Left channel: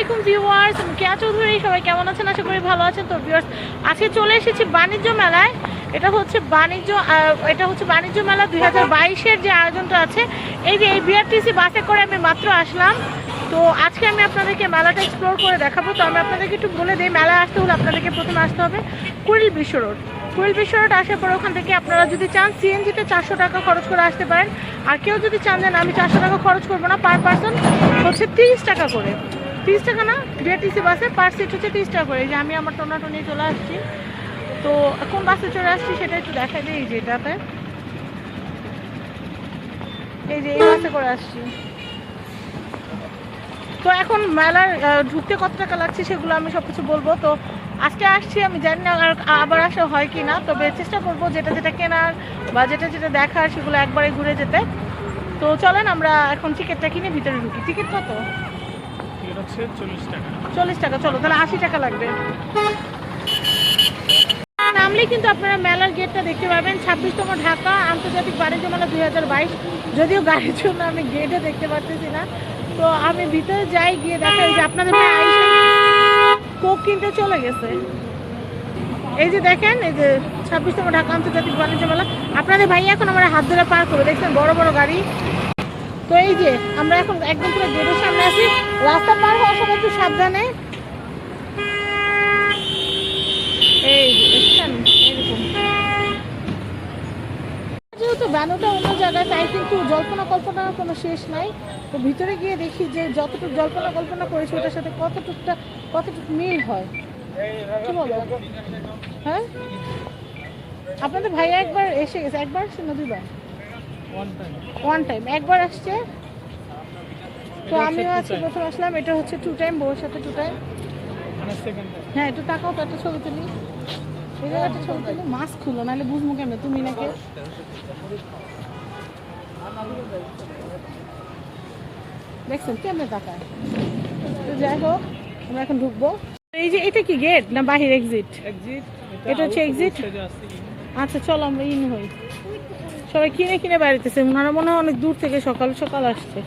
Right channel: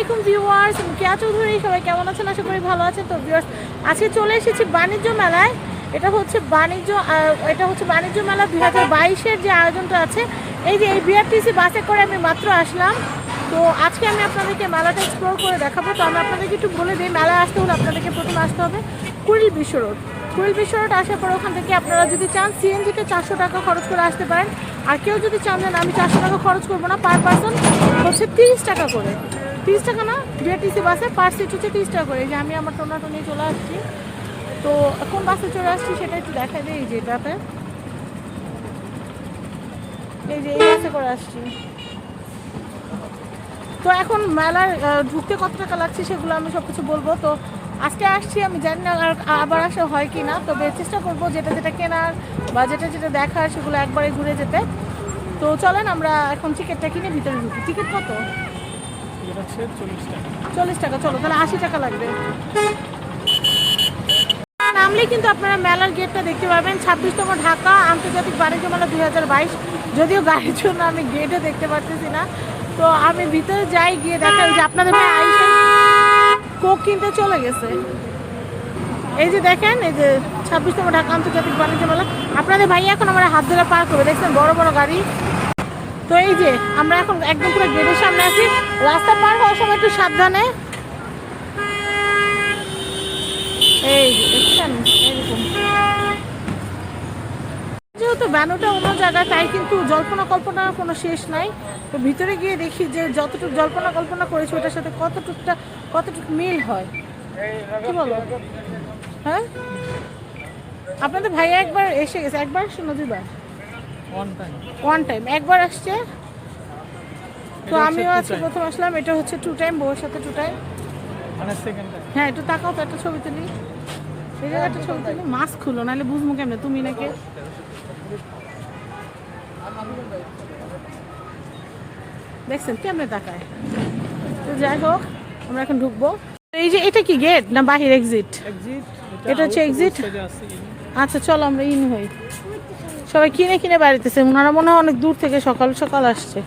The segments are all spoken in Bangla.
আলাইকুম ভিউয়ার্স, আমি কেয়া চৌধুরী। সবাই কেমন আছেন? আশা করি ভালো আছেন। তো ভিউয়ার্স, আজকে চলে এসেছি বাণিজ্য মেলায়। এটা হচ্ছে বাণিজ্য মেলা 2022-এর যে আয়োজনটা আছে। এই যে এই বিআরটিসি বাসে করে আমি মাত্র আসলাম। তো আজকে আমি আপনাদেরকে মেলাটা এক্সপ্লোর করে দেখাবো। তো আমি আপনাদেরকে একটু বলে দিই, মেলায় আসতে হলে আপনাদেরকে প্রথমে আসতে হবে কুড়িল বিশ্ব রোড। কুড়িল বিশ্ব রোড আসার পর ওখান থেকে আপনারা যদি চান সিএনজিতে 400 টাকা খরচ করে আসতে পারেন। আর কেউ যদি চান যে আমি 400 টাকা খরচ করবো না, পার পার্সন হচ্ছে 30 টাকা করে। 30 টাকা না, বিআরটিসি বাসে পার সিট হচ্ছে 30 টাকা করে। এই যে আমি আমার টোনাটো নিয়ে চলে আসছি। তো কোন বাসে চলে আসছি সেটা একটু দেখাই দিই। এই যে এটাতে, এই যে এই বাসে করে আসছি। তো এখন মেলার ঢুকতে কত টাকা লাগছে সেগুলো আমি সব কিছু বলবো। তো আজকে আসছি, আমি জানি না আবার আসা হয় কি না, তবে চেষ্টা করবো যেটা যেটা কেনার বা যেটা যেটা দেখার সেগুলো একবারে ঘুরে যেতে। তো চলেন আমরা এখন টিকিটটা কিনে ভিতরে ঢুকি। টিকিট কত? 40 টাকা। চলো তাহলে 80 টাকা লাগবে। নামলেই কিন্তু আপনারা মেলার গেটটা দেখতে পাবেন, 26তম ঢাকা আন্তর্জাতিক বাণিজ্য মেলা 2022। যদিও গাড়ির জন্য আমি গেটে দেখতে পারতেছি না, তো আমি ভিতরে যাই, গিয়ে দেখা যে আপনাদের ভাই আইসা কোক কিনতে চলে গেছে। এই যে দেখেন, এই যে 26তম ঢাকা আন্তর্জাতিক বাণিজ্য মেলা। আপনাদের ভাই এখন আমার হাত ধরে পার করবে, দেখছেন বড় বড় গাড়ি। তো এই যে আমরা এখন একদম পুরো গেটের সামনে আছি। রাস্তা পার হওয়ার সময় একটু সাবধানে। এই যে দেখছেন, এরকম যেহেতু ব্যানোটা অন্য জায়গায়, তাই কিন্তু জল্পনা কল্পনার কোনো শেষ নাই। তো ভিতরে গিয়ে দেখি যে যতটুকু জল্পনা কল্পনা করেছি ওটার সাথে কতটুকু মিল হয়। কি বলো? হ্যাঁ, আপনাদের ভাইয়া একবার এসে গেছে। একবার শোনো, দুবার, ওয়ান টাইম, একবার আসছে। তো আমিও আজকে প্রথম আসলাম। এটা হচ্ছে 2 টাইম, বউর সাথে 2 টাইম। হ্যাঁ, একটু তাকাও তো, একটা ছবি তুলি। এই জায়গায় একটা ছবি তুলি। মাস্ক খুলো, নাহলে বুঝবো কেমনে তুমি নাকি। দেখছেন কেমনে তাকায়। তো যাই হোক, আমরা এখন ঢুকবো। এই যে এটা কি গেট না বাহির? এক্সিট। এটা হচ্ছে এক্সিট। আচ্ছা চলো আমরা ইন হই। সবাই কিনে কিনে বাড়িতেছে, ওনারা মনে হয় অনেক দূর থেকে সকাল সকাল আসছে।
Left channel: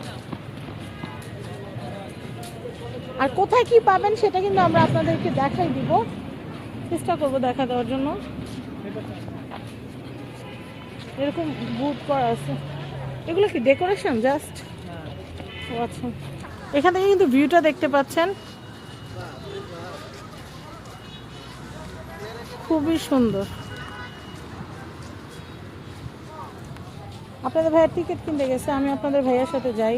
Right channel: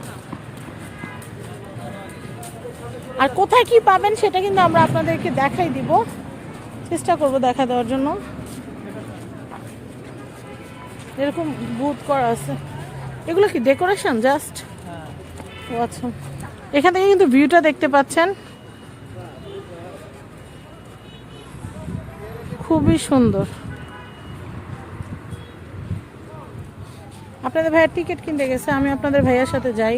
আর কোথায় কি পাবেন সেটা কিন্তু আমরা আপনাদেরকে দেখাই দিব, চেষ্টা করব দেখা দেওয়ার জন্য। এরকম বুথ করা আছে। এগুলো কি ডেকোরেশন জাস্ট? ও আচ্ছা, এখান থেকে কিন্তু ভিউটা দেখতে পাচ্ছেন, খুবই সুন্দর। আপনাদের ভাইয়ের টিকিট কিনতে গেছে, আমি আপনাদের ভাইয়ের সাথে যাই।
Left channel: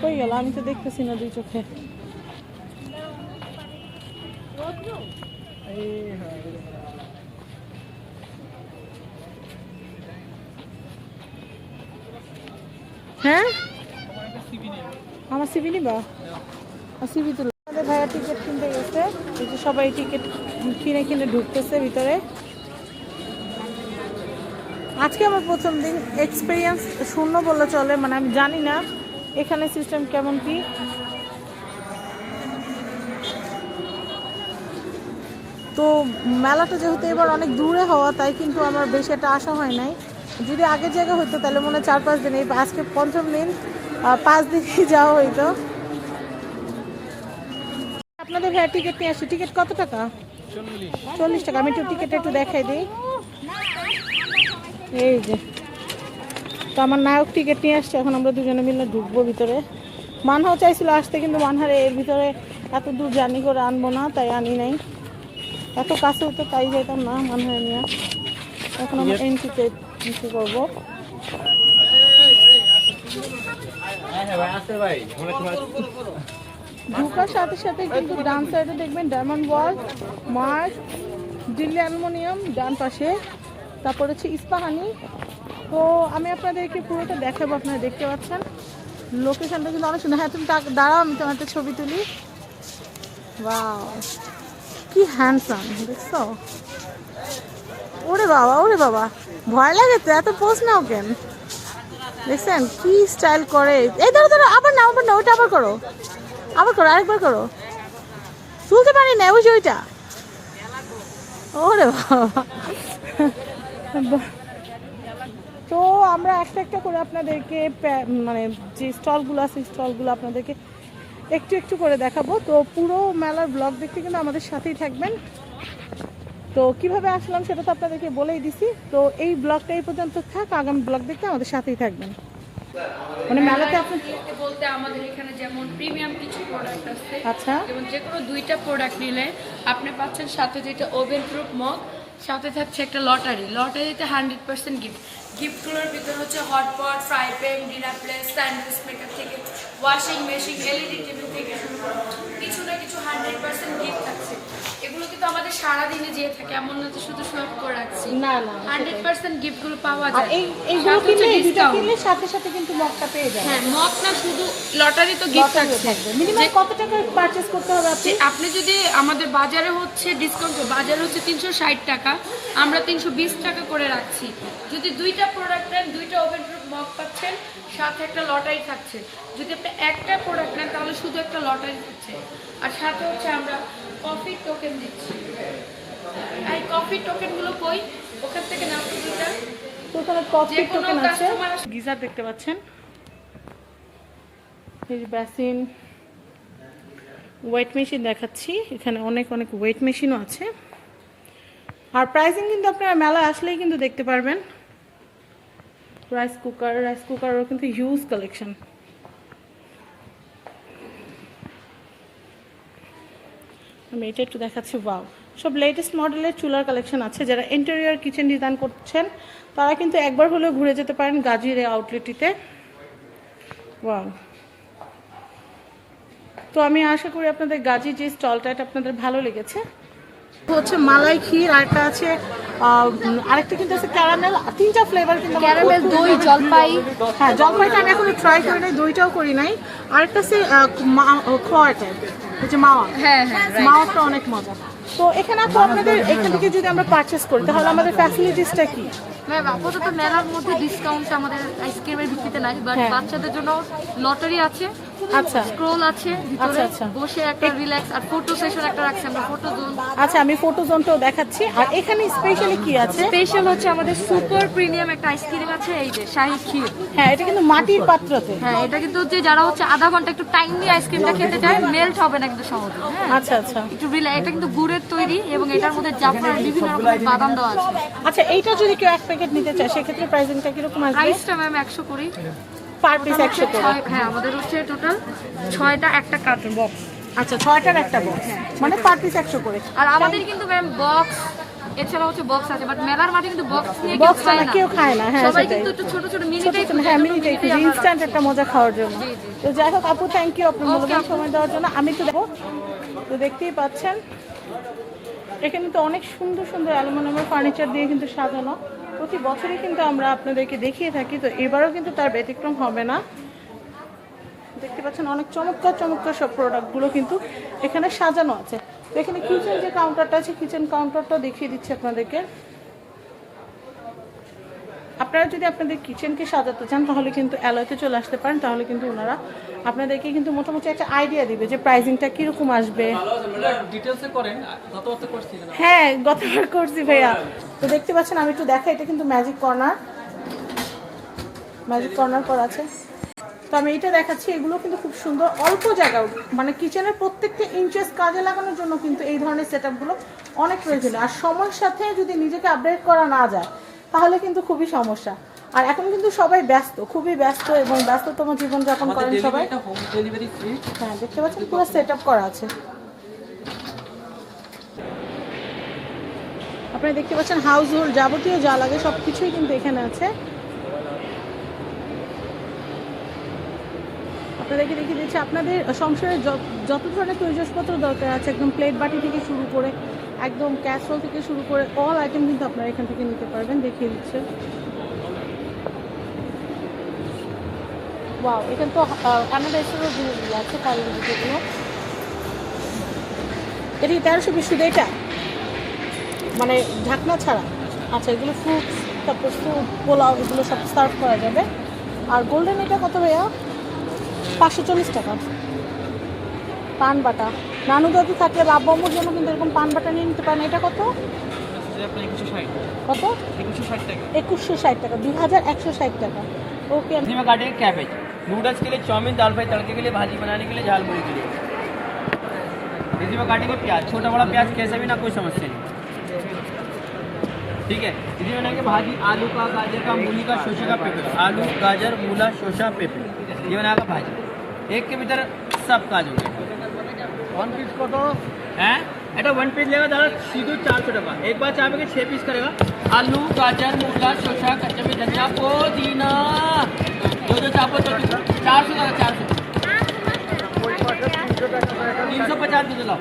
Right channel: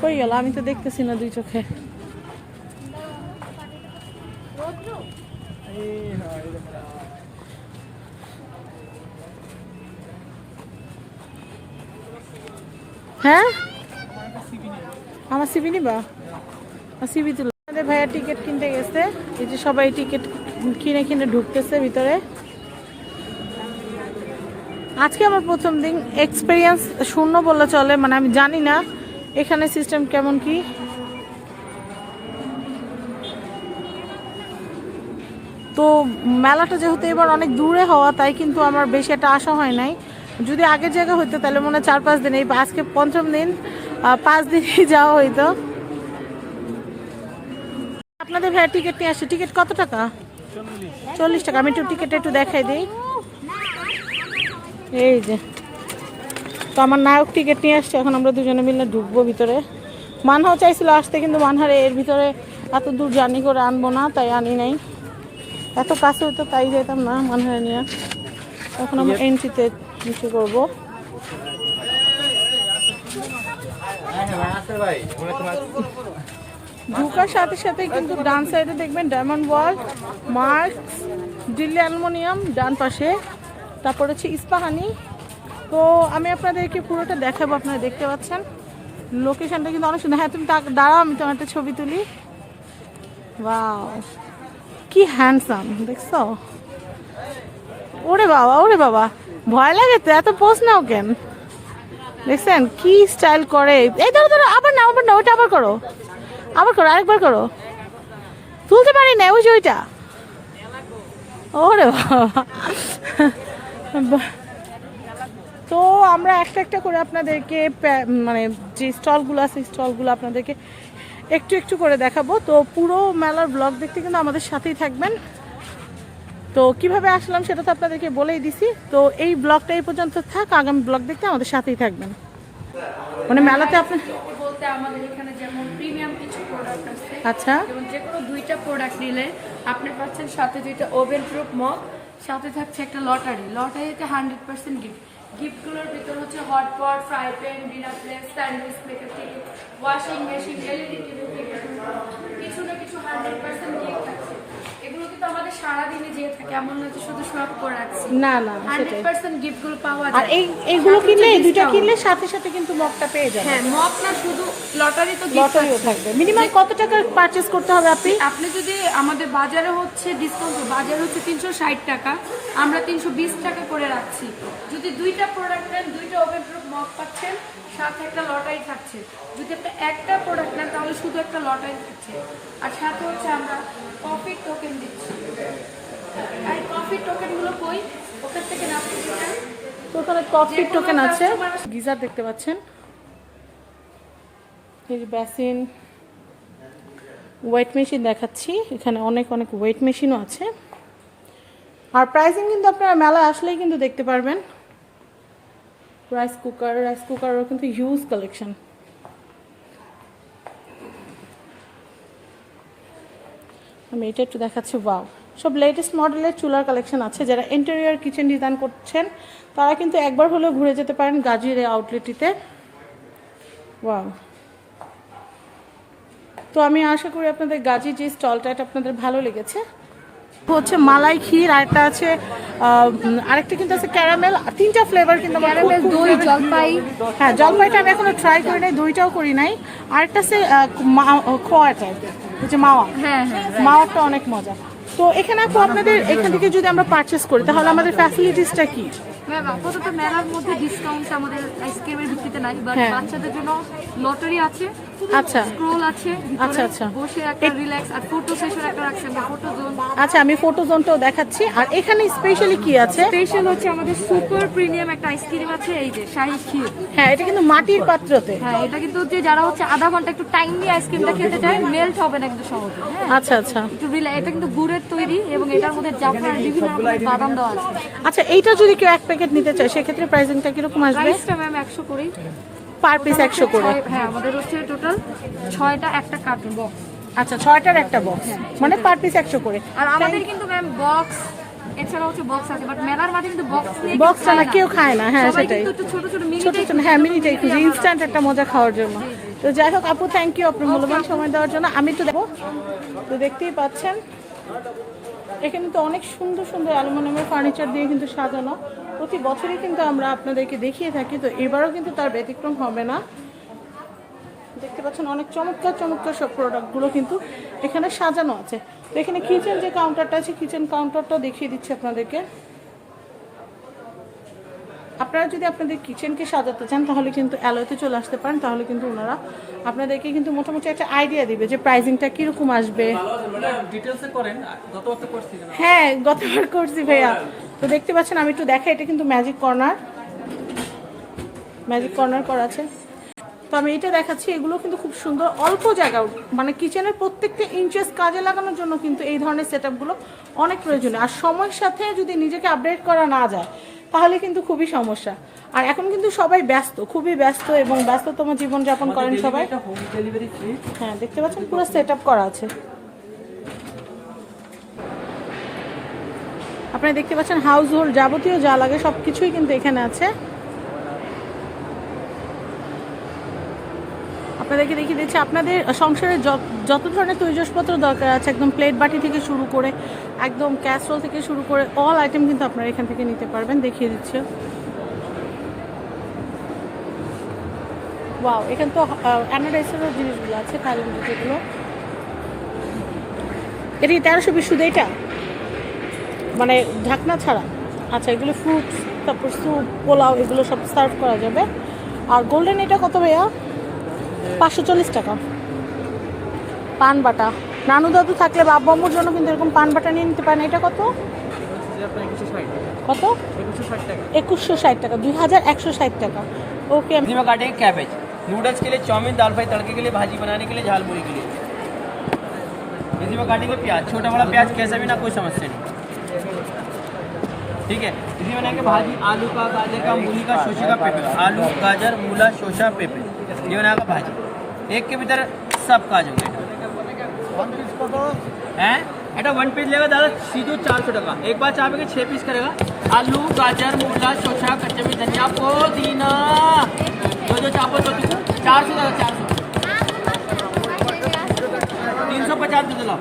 কই গেল? আমি তো দেখতেছি না দুই চোখে। হ্যাঁ, আমার সিবি নিবা? সিবি তুলো। আমাদের ভাইয়া টিকিট কিনতে গেছে। এই যে সবাই টিকিট কিনে কিনে ঢুকতেছে ভিতরে। আজকে আমার প্রথম দিন, এক্সপিরিয়েন্স শূন্য বললে চলে। মানে আমি জানি না এখানে সিস্টেম কেমন কি। তো মেলাটা যেহেতু এবার অনেক দূরে হওয়া, তাই কিন্তু আমার বেশি একটা আশা হয় নাই। যদি আগের জায়গা হইতো তাহলে মনে হয় 4-5 দিন, এই আজকে পঞ্চম দিন, 5 দিনই যাওয়া হইতো। আপনাদের ভাইয়া টিকিট নিয়ে আসছি। টিকিট কত টাকা? 40 টাকা। আমি একটু টিকিট একটু দেখাই দিই। এই যে, তো আমার নায়ক টিকিট নিয়ে আসছে। এখন আমরা দুজনে মিলে ঢুকবো ভিতরে। মানহাও চাইছিল আসতে, কিন্তু মানহারে এর ভিতরে এত দূর জার্নি করে আনবো না, তাই আনি নাই। এত কাছে হতো তাই যেতাম না মানহারে নিয়ে। এখন আমরা এন্ট্রিতে কিছু করবো। ঢুকার সাথে সাথে কিন্তু ডান সাইডে দেখবেন diamond world, mark, Delhi aluminium ডান পাশে, তারপর হচ্ছে ইস্পাহানি। তো আমি আপনাদেরকে পুরোটা দেখাবো, আপনারা দেখতে পাচ্ছেন। লোকেশনটা কিন্তু অনেক সুন্দর। হ্যাঁ, তুমি দাঁড়াও, আমি তোমার একটা ছবি তুলি। ওয়াও, কি হ্যান্ডসাম দেখছো? ওরে বাবা, ওরে বাবা, ভয় লাগে তো, এত পোজ নাও কেন? দেখছেন কি স্টাইল করে? এই ধরো ধরো, আবার না, আবার না, ওইটা আবার করো, আবার করো, আরেকবার করো। তুলতে পারি না, ওই যে ওইটা। ওরে বাবা। তো আমরা একটা একটা করে আপনাদেরকে মানে যে স্টলগুলো আছে, স্টলগুলো আপনাদেরকে একটু একটু করে দেখাবো। তো পুরো মেলার ব্লগ দেখতে কিন্তু আমাদের সাথেই থাকবেন। তো কিভাবে আসলাম সেটা তো আপনাদেরকে বলেই দিছি। তো এই ব্লগটা এই পর্যন্ত থাক, আগামী ব্লগ দেখতে আমাদের সাথেই থাকবেন। মানে মেলাতে আপনি বলতে আমাদের এখানে যেমন প্রিমিয়াম কিছু প্রোডাক্ট আছে। আচ্ছা, যেমন যে কোনো 2টা প্রোডাক্ট নিলে আপনি পাচ্ছেন সাথে 2টা ওভেন প্রুফ মগ, সাথে থাকছে একটা লটারিতে 100% গিফট। গিফটগুলোর ভিতরে হচ্ছে hotpot, fry pan, dinner plate, sandwich maker থেকে ওয়াশিং মেশিন, এলইডি টিভি থেকে শুরু করে কিছু না কিছু 100% গিফট থাকছে। এগুলো কিন্তু আমাদের সারাদিনে যেয়ে থাকে, এমন না যে শুধু শপ করে রাখছি। না না 100% গিফটগুলো পাওয়া আর যায়। এইগুলো কিনলে, এই দুটো কিনলে সাথে সাথে কিন্তু মগটা পেয়ে যাবেন। হ্যাঁ, মগ না শুধু লটারি তো গিফট থাকবে। মিনিমাম কত টাকা পারচেজ করতে হবে আপনি যদি আমাদের বাজারে হচ্ছে ডিসকাউন্ট, বাজারে হচ্ছে 360 টাকা, আমরা 320 টাকা করে রাখছি। যদি 2টা প্রোডাক্ট নেন 2টা ওভেন প্রুফ মগ পাচ্ছেন, সাথে একটা লটারি থাকছে। যদি আপনি একটা প্রোডাক্ট নেন তাহলে শুধু একটা লটারি থাকছে, আর সাথে হচ্ছে আমরা কফি টোকেন দিচ্ছি। আর কফি টোকেনগুলো কই, ওখান থেকে না দুইটা তো ওখানে কফি টোকেন আছে। গিজার দেখতে পাচ্ছেন, এই বেসিন, ওয়েট মেশিন দেখাচ্ছি। এখানে অনেক অনেক ওয়েট মেশিনও আছে। আর প্রাইসিং কিন্তু আপনারা মেলা আসলেই কিন্তু দেখতে পারবেন। রাইস কুকারও কিন্তু হিউজ কালেকশন। আমি এটা একটু দেখাচ্ছি। ওয়াও, সব লেটেস্ট মডেলের চুলার কালেকশন আছে। যারা ইন্টেরিয়র কিচেন ডিজাইন করছেন তারা কিন্তু একবার হলেও ঘুরে যেতে পারেন গাজীর এই আউটলেটটিতে। ওয়াও, তো আমি আশা করি আপনাদের গাজী যে স্টলটা এটা আপনাদের ভালো লেগেছে। হচ্ছে মালাই ক্ষীর, আরেকটা আছে আরেকটা কিন্তু আছে ক্যারামেল, 3টা ফ্লেভার কিন্তু ক্যারামেল, দই, জলপাই। হ্যাঁ, জলপাইটা আমি এখনো ট্রাই করি নাই, দইটাও করি নাই। আরেকটা আছে খোয়াটা, হচ্ছে মাওয়া। হ্যাঁ, মাওয়াটা অনেক মজা। তো এখানে আপু আপনাদের এখান থেকে যদি আমরা পারচেস করি তাহলে আমাদের ফ্যাসিলিটিসটা কি? ম্যাম আপাতত মেলার মধ্যে ডিসকাউন্ট আমাদের আইসক্রিমের ভিত্তিতে নাই, বাট বাচ্চাদের জন্য লটারি আছে, আচ্ছা, স্ক্রোল আছে ভিতরে, আচ্ছা। বসে একটা রিল্যাক্স, আর ফটো সেশন একটা রাখছি আমরা, ফটো জোন। আচ্ছা, আমি ফটো জোনটাও দেখাচ্ছি। আর এখানে স্পেশালি কি আছে? স্পেশাল হচ্ছে আমাদের সুপার প্রিমিয়াম একটা আইসক্রিম আছে, এই যে শাহী ক্ষীর। হ্যাঁ, এটা কিন্তু মাটির পাত্রতে। হ্যাঁ, এটা কিন্তু যে যারা হচ্ছে আধা ঘন্টা একটু টাইম নিয়ে আইসক্রিমটা খেতে চায়, মেল্ট হবে না কিন্তু সহজে। হ্যাঁ, আচ্ছা আচ্ছা, একটু এটা কিন্তু গুড়ের তৈরি এবং এটার মধ্যে জাফরান আর বিভিন্ন রকমের বাদাম দেওয়া আছে। আচ্ছা, এইটা যদি কেউ এক প্যাকেট নিতে চায় সেক্ষেত্রে প্রাইসিংটা কিরকম আসবে? প্রাইসটা ম্যাম 100 করেই, পার পিস 100 করে। হ্যাঁ, আমাদের হচ্ছে টোটাল 6টা একটা কার্টুন বক্স। আচ্ছা, 6টার একটা বক্স, মানে পার পিস 100 করে। আর আমাদের কিন্তু ম্যাম বক্স এছাড়া হচ্ছে বক্স আছে, বাট মেলার মাঠে কিন্তু বক্স নিয়ে বক্স কেউ খায় না। হ্যাঁ, সবাই সেটাই। কিন্তু একটু ছোট ছোট মিনিটাই, হ্যাঁ, মিনিটাই ইনস্ট্যান্ট একটা মজা খাওয়ার জন্য। তো যাই হোক আপু, থ্যাংক ইউ আপনার মূল্যবান সময় দেওয়ার জন্য। আমি তো দেবো, তো দেখতেই পাচ্ছেন এখানে তো অনেক সুন্দর সুন্দর অ্যালুমিনিয়ামের ফার্নিচার দিয়ে কিন্তু সাজানো। প্রতি বছরই কিন্তু আমরা আপনাদেরকে দেখিয়ে থাকি, তো এবারও কিন্তু তার ব্যতিক্রম হবে না। দেখতে পাচ্ছেন অনেক চমৎকার চমৎকার সব প্রোডাক্টগুলো কিন্তু এখানে সাজানো আছে। তো এখানে কিচেন যে কাউন্টারটা আছে, কিচেন কাউন্টারটাও দেখিয়ে দিচ্ছি আপনাদেরকে। আপনারা যদি আপনাদের কিচেনকে সাজাতে চান তাহলে কিন্তু অ্যালয়তে চলে আসতে পারেন, তাহলে কিন্তু ওনারা আপনাদেরকে কিন্তু মোটামুটি একটা আইডিয়া দিবে যে প্রাইসিংটা কিরকম আসবে। হ্যাঁ, গতবার করছি ভাইয়া। তো দেখতে পাচ্ছেন, আমি একটু দেখাই, এটা কিন্তু ম্যাজিক কর্নার করা আছে। তো আমি এটা দেখাচ্ছি, এগুলো কিন্তু খুব সুন্দর, অল্প জায়গা, মানে কিচেনের প্রত্যেকটা ইঞ্চেস কাজে লাগানোর জন্য কিন্তু এই ধরনের সেটআপগুলো অনেক প্রয়োজনীয়। আর সময়ের সাথে যদি নিজেকে আপডেট করা না যায় তাহলে কিন্তু খুবই সমস্যা। আর এখন কিন্তু সবাই ব্যস্ত, খুবই ব্যস্ত, এবং ব্যস্ততম জীবনযাপন করেন সবাই। হ্যাঁ, দেখতে পাচ্ছেন পুরো সেটআপ করা আছে। আপনারা দেখতে পাচ্ছেন হাউস হোল্ড যাবতীয় যা লাগে সবকিছুই কিন্তু এখানে আছে। আপনাদেরকে দেখিয়ে দিচ্ছি আপনাদের সংসারে যত ধরনের তৈজসপত্র দরকার আছে, একদম প্লেট বাটি থেকে শুরু করে একদম ক্যাসরোল থেকে শুরু করে অল আইটেম কিন্তু আপনারা এখান থেকে নিতে পারবেন। দেখিয়ে দিচ্ছে। ওয়াও, এখানে তো অ্যানাডাইসের জিনিসগুলো আছে, থাইল্যান্ডের যেগুলো। এটি 1320 শুধু এটা, মানে ঢাকনা ছাড়া। আচ্ছা, এগুলো ফ্রুটস, তারপর স্যুপ, পোলাও, এগুলো সব সার্ভ করা যাবে। আর গোল্ডেন এটা কত ভাইয়া? 540 টাকা। পান বাটা, নানু দাদু থাকলে বা আব্বুর জন্য কিন্তু এরকম পান বাটা নিয়ে নিতে পারেন। এটা কত? কত? 2160 টাকা। 2160 টাকা, 2160 টাকা। ওকে। नूडल्स के लिए चाउमीन, दाल फ्राई, तड़के के लिए, भाजी बनाने के लिए, झाल मुड़ी के लिए। इसी में काटेंगे प्याज, छोटा बड़ा प्याज कैसा भी ना, कोई समस्या नहीं। ठीक है, इसी में बनाएंगे भाजी आलू का, गाजर का, मूली का, शोशे का, पेपे का। आलू, गाजर, मूला, शोशा, पेपे, ये बनाएगा भाजी। एक के भीतर सब का जो वन पीस को तो हैं এটা 1 पीस लेगा दादा सीधो 400 টাকা। एक बार चाहे के 6 पीस करेगा। आलू, गाजर, मूला, शोशा, कच्चा भी धनिया, पुदीना, जो चावल तो 400 दादा 400 350 दे दो।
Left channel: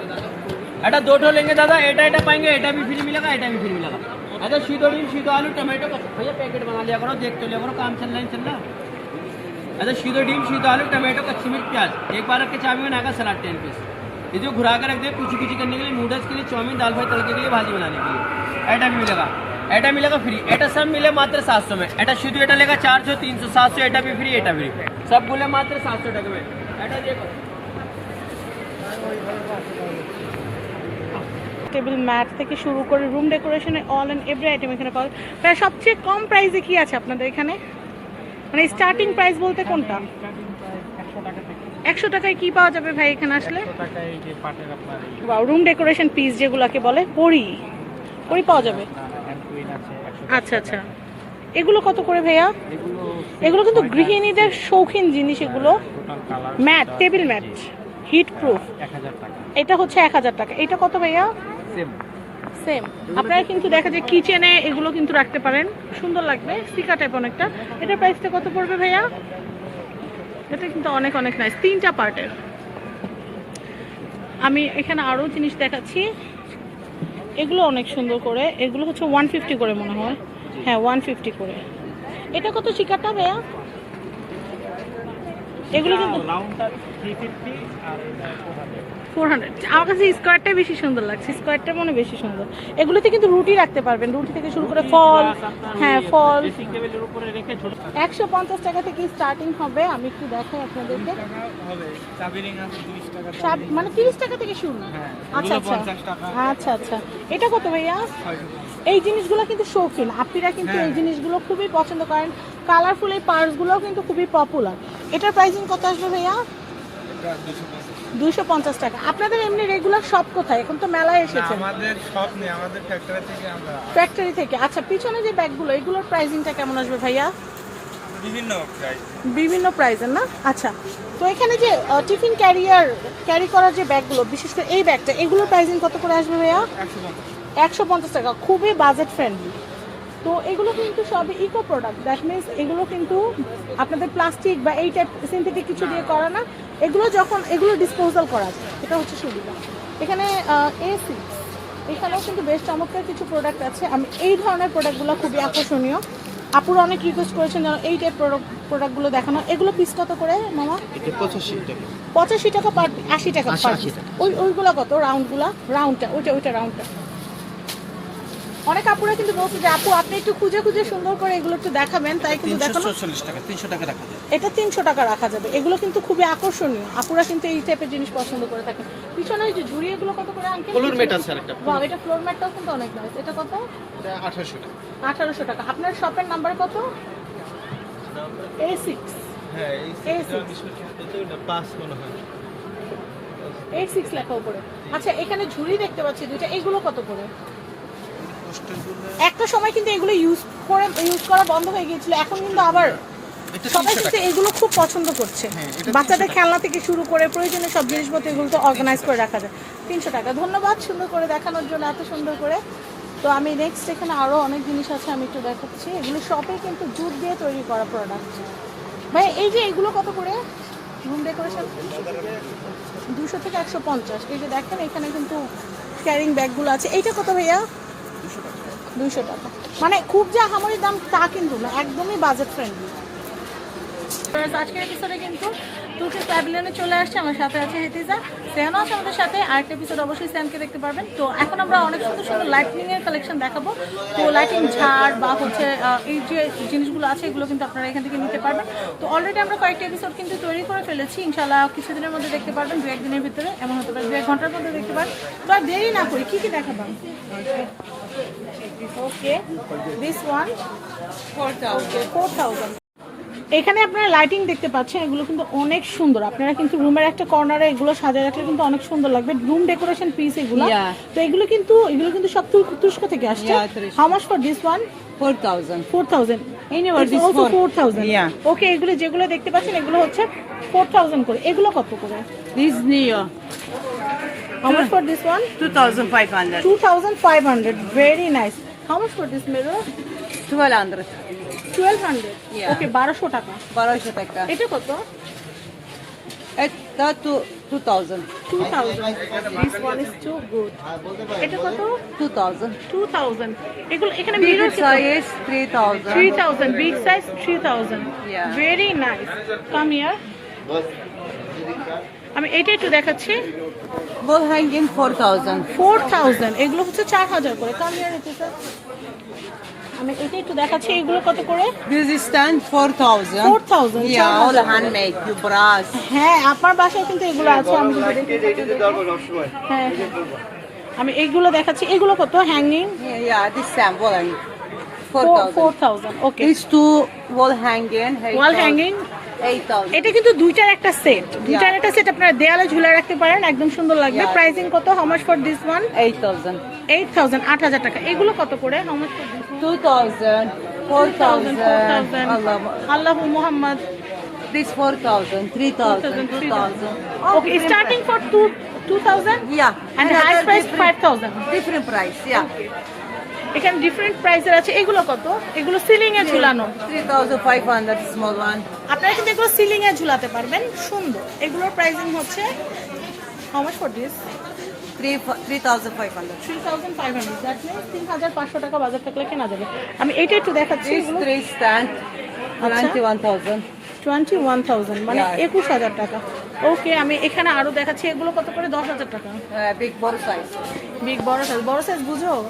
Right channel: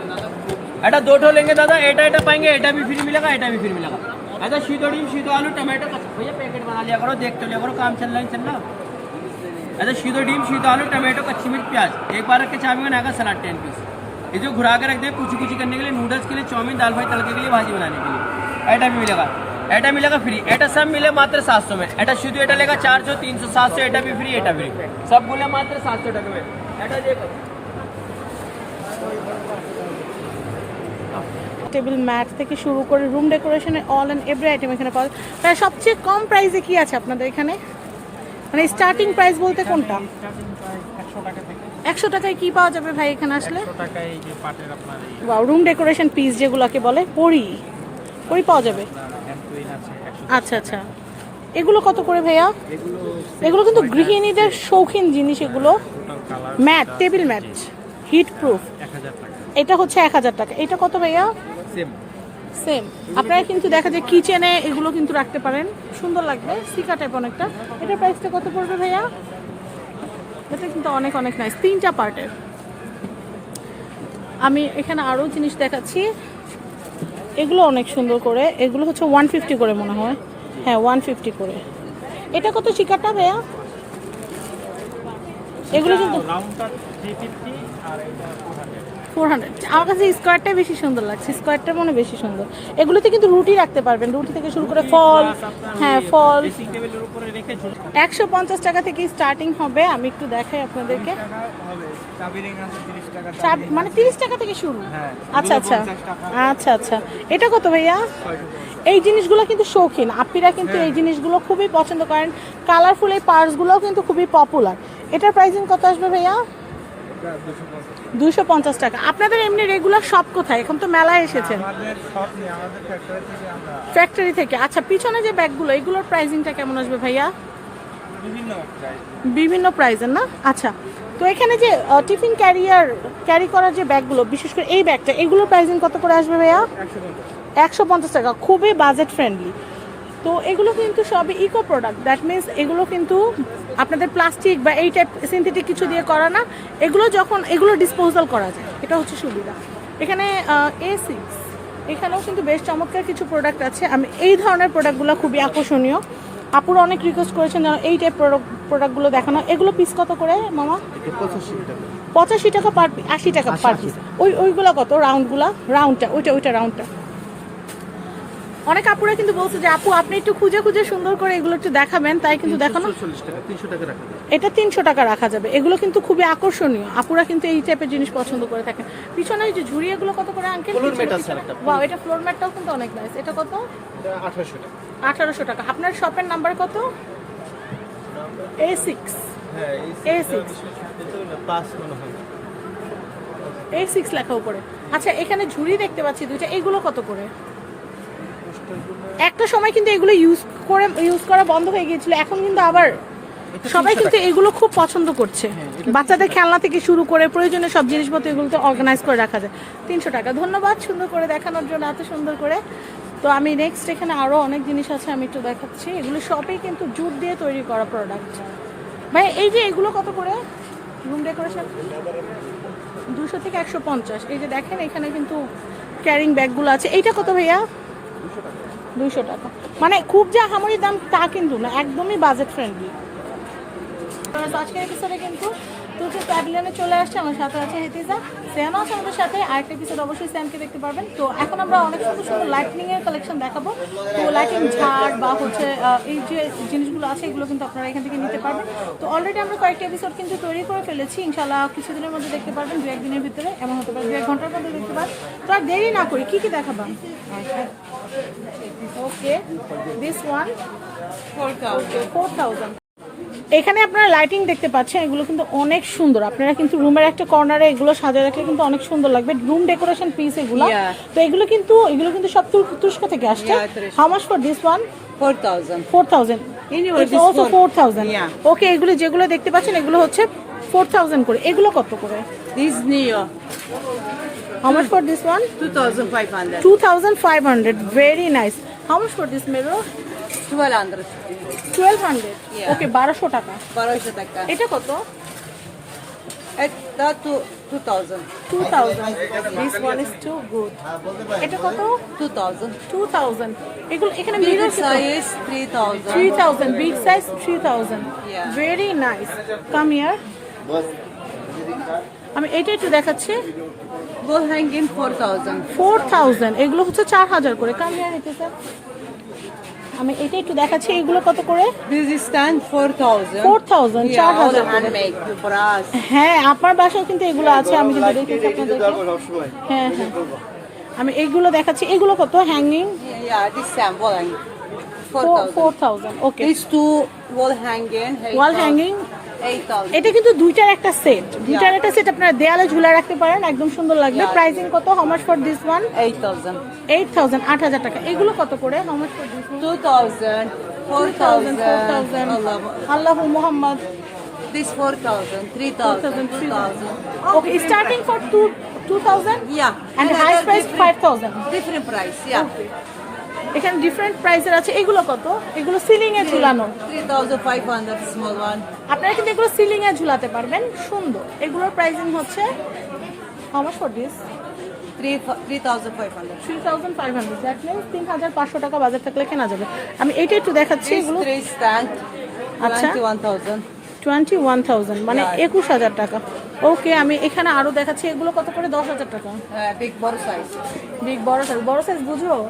এটা दो ठो लेंगे दादा, एटा पाएंगे, एटा भी फ्री मिलेगा, एटा भी फ्री मिलेगा। ऐसा सीधो डीम, सीधो आलू, टमाटो का भैया पैकेट बना लिया करो, देख तो लिया करो, काम चल रहा। ऐसा सीधो डीम, सीधो आलू, टमाटो, कच्ची मिर्च, प्याज। एक बार रख के चाबी में आएगा सलाद 10 पीस। ये जो घुरा के रख दे कुछ करने के लिए, नूडल्स के लिए, चाउमीन, दाल फ्राई, तड़के के लिए, भाजी बनाने के लिए। एटा भी मिलेगा, एटा मिलेगा फ्री। एटा सब मिले मात्र 700 में। एटा सीधो एटा लेगा 400, 300, 700। एटा भी फ्री, एटा भी सब बोले मात्र 700 টাকা में। एटा देखो টেবিল ম্যাট থেকে শুরু করে রুম ডেকোরেশনে অল এন্ড এভরি আইটেম এখানে পাওয়া যায়। তাহলে সবচেয়ে কম প্রাইসে কি আছে আপনাদের এখানে, মানে স্টার্টিং প্রাইস বলতে কোনটা? 100 টাকায় কি পাওয়া যাবে ভাই এখানে আসলে? ওয়াও, রুম ডেকোরেশন পিস যেগুলোকে বলে পরি পাওয়া যাবে। আচ্ছা আচ্ছা, এগুলো কত করে ভাইয়া? এগুলো কিন্তু গৃহিণীদের শৌখিন জিনিস, এগুলো mat, table mat, heat proof. 1000 টাকা। এটা হচ্ছে 1000 টাকা। এটা কত ভাইয়া? সেম। আপনারা কিন্তু দেখা যায় কিচেনে এগুলো কিন্তু রাখতে পারেন, সুন্দর লাগবে, সিকা টাইপ অনেকটা। এটার প্রাইসটা কত পড়বে ভাইয়া? এটা কিন্তু অনেক নাইস, 3টা পার্টের। আমি এখানে আরও জিনিস দেখাচ্ছি, এগুলো অনেক সুন্দর করে। এগুলো হচ্ছে 150 করে মনে হয়, হ্যাঁ 150 করে। এটা কত শিকারটা ভাইয়া? এগুলো কিন্তু 400। আমার কাছে স্কোয়ারটা বেশি সুন্দর লাগছে, স্কোয়ারটা মনে বেশি সুন্দর। এগুলোতে কিন্তু রুটি রাখতে পারবেন, রুটি থেকে শুরু করে ফল, হ্যাঁ ফল। 150 টাকা থেকে স্টার্টিং হবে। আমি একটু দেখাই আপনাদেরকে, মানে 30 টাকা থেকে শুরু। আচ্ছা। এটা কত ভাইয়া? এই জিনিসগুলো কিন্তু শৌখিন আপিরা কিন্তু এই জিনিসগুলো খুবই পছন্দ করেন। কালারফুল এই পার্সগুলোও কিন্তু খুবই পপুলার। এটার প্রাইসিং কত আসবে ভাইয়া? 250 টাকা। আপনাদের এমনি রেগুলার শপ কোথায়? এখন তো মেলায় এসেছেন। আমাদের শপ নেই, আমাদের ফ্যাক্টরি থেকে আমরা। ফ্যাক্টরি থেকে। আচ্ছা, পিছনে যে ব্যাগগুলো, এগুলোর প্রাইসিংটা কেমন আসবে ভাইয়া? বিভিন্ন প্রাইসের না? আচ্ছা, তো এখানে যে টিফিন ক্যারি করার যে ব্যাগগুলো, বিশেষ করে এই ব্যাগটা, এগুলোর প্রাইসিং কত করে আসবে ভাইয়া? 150 টাকা। খুবই বাজেট ফ্রেন্ডলি। তো এগুলো কিন্তু সবই ইকো প্রোডাক্ট, দ্যাট মিনস এগুলো কিন্তু আপনাদের প্লাস্টিক বা এই টাইপ সিনথেটিক কিছু দিয়ে করা না। এগুলো ডিসপোজাল করা যায়, এটা হচ্ছে সুবিধা। এখানে A6, এখানেও কিন্তু বেশ চমৎকার কিছু প্রোডাক্ট আছে। আমি এই ধরনের প্রোডাক্টগুলো খুবই আকর্ষণীয়। আপুরা অনেক রিকোয়েস্ট করেছেন যেন এই টাইপ প্রোডাক্টগুলো দেখানো। এগুলো পিস কত করে মামা? 85 টাকা পার, 80 টাকা পার পিস। ওইগুলো কত? রাউন্ডটা, ওইটা রাউন্ডটা। অনেক আপুরা কিন্তু বলছে যে আপু আপনি একটু খুঁজে সুন্দর করে এগুলো একটু দেখাবেন, তাই কিন্তু দেখানো। 300 টাকা রাখা যাবে। এটা 300 টাকা রাখা যাবে। এগুলো কিন্তু খুবই আকর্ষণীয়, আপুরা কিন্তু এই টাইপের জিনিস পছন্দ করে থাকেন। পিছনে এই যে ঝুড়ি, এগুলো কত করে আঙ্কেল? ফ্লোর ম্যাট আছে আরেকটা। ওয়াও, এটা ফ্লোর ম্যাটটাও কিন্তু অনেক নাইস। এটা কত? 1800 টাকা। আপনার শপের নাম্বার কত? A6। হ্যাঁ, A6 পাস মনে হয়। A6 লেখা উপরে। আচ্ছা, এখানে ঝুড়ি দেখতে পাচ্ছি দুইটা, এগুলো কত করে? একটা সময় কিন্তু এগুলো ইউজ করা বন্ধ হয়ে গিয়েছিল, এখন কিন্তু আবার সবাই কিন্তু এগুলো খুব পছন্দ করছে। বাচ্চাদের খেলনা থেকে শুরু করে প্রয়োজনীয় সব জিনিসপত্র এগুলো তো অর্গানাইজ করে রাখা যায়। 300 টাকা। ধন্যবাদ সুন্দর করে দেখানোর জন্য, এত সুন্দর করে। তো আমি নেক্সট এখানে আরও অনেক জিনিস আছে, আমি একটু দেখাচ্ছি। এগুলো সবই কিন্তু জুট দিয়ে তৈরি করা প্রোডাক্ট। ভাই এই যে এগুলো কত করে? রুম ডেকোরেশন 200 থেকে 150। এই যে দেখেন এখানে কিন্তু ক্যারিং ব্যাগগুলো আছে। এইটা কত ভাইয়া? 200 টাকা। মানে খুব যে আহামরি দাম তা কিন্তু না, একদমই বাজেট ফ্রেন্ডলি। আজকের এপিসোডে কিন্তু তুর্কিশ প্যাভিলিয়নে চলে আসছে, আমার সাথে আছে হেতিজা, সেহানও আছে আমাদের সাথে। আরেকটা এপিসোড অবশ্যই স্যামকে দেখতে পারবেন। তো এখন আমরা অনেক সুন্দর লাইটিং এর কালেকশন দেখাবো। তো লাইটিং ঝাড় বা হচ্ছে এই যে জিনিসগুলো আছে এগুলো কিন্তু আপনারা এখান থেকে নিতে পারবেন। তো অলরেডি আমরা কয়েকটা এপিসোড কিন্তু তৈরি করে ফেলেছি, ইনশাল্লাহ কিছুদিনের মধ্যে দেখতে পারবেন, 2-1 দিনের ভিতরে, এমন হতে পারে 2-1 ঘন্টার মধ্যে দেখতে পারেন। তো আর দেরি না করি, কি দেখাবাম? ওকে, দিস ওয়ান 4000। এখানে আপনারা লাইটিং দেখতে পাচ্ছেন, এগুলো কিন্তু অনেক সুন্দর। আপনারা কিন্তু রুমের একটা কর্নারে এগুলো সাজিয়ে রাখলে কিন্তু অনেক সুন্দর লাগবে। রুম ডেকোরেশন পিস এগুলো। Yeah. তো এগুলো কিন্তু সব তুরস্ক থেকে আসছে। Yeah, তুরস্ক। How much for this one? 4,000. 4,000. Anyway, It's this also for- 4,000. Yeah. ওকে, এগুলো যেগুলো দেখতে পাচ্ছেন এগুলো হচ্ছে 4,000 করে। এগুলো কত করে? This Neo, How much for this one? 2,500. 2,500. Very nice. How much for this mirror? 1,200. 1,200. Yeah. Okay, 1,200 টাকা। 1,200 টাকা। এটা কত? এটা 2,000. 2,000. This one is too good. এটা কত? 2,000. 2,000. এগুলো এখানে Big mirror size 3,000. 3,000. Big size 3,000. Yeah. Very nice. Come here. আমি এটা একটু দেখাচ্ছি। Wall hanging 4,000. 4,000. এগুলো হচ্ছে 4,000 করে। Come here, এটা স্যার। আমি এটা একটু দেখাচ্ছি, এগুলো কত করে? This is stand 4,000. 4,000, Yeah, all 4,000 handmade. You brass. হ্যাঁ, আপনার বাসায় কিন্তু এগুলো আছে। আমি কিন্তু দেখাচ্ছি আপনাদেরকে। হ্যাঁ, হ্যাঁ। আমি এইগুলো দেখাচ্ছি। এগুলো কত? Hanging Yeah, this same wall hanging 4,000. 4,000. Okay. These two wall hanging. Wall hanging 8,000. এটা কিন্তু দুইটার একটা সেট। দুইটার একটা সেট আপনারা দেয়ালে ঝুলা রাখতে পারেন, একদম সুন্দর লাগবে। Yeah. প্রাইসিং কত? How much for this one? 8,000. 8,000, 8,000 টাকা। এগুলো কত করে? How much for this one? 2,000. 4,000. 4,000। Allah. আল্লাহু Muhammad. This 4,000. 3,000. 2,000. Okay, starting for 2,000 Yeah. and the Another highest price different- 5,000. Different price. Yeah. এখানে ডিফারেন্ট প্রাইসের আছে। এগুলো কত? এগুলো সিলিং এ ঝুলানো। 3,500 small one. আপনারা কিন্তু এগুলো সিলিং এ ঝুলাতে পারবেন, সুন্দর। এগুলোর প্রাইসিং হচ্ছে how much for this? 3,500. 3,500. That means 3,500 টাকা বাজার থাকলে কেনা যাবে। আমি এইটা একটু দেখাচ্ছি। This এগুলো 3 stand আচ্ছা। 21,000. 21,000 মানে Yeah. 21,000 টাকা। ওকে, আমি এখানে আরো দেখাচ্ছি। এগুলো কত করে? 10,000 টাকা। Big ball size. বিগ বড় সাইজ। বড় সাইজ বুঝো?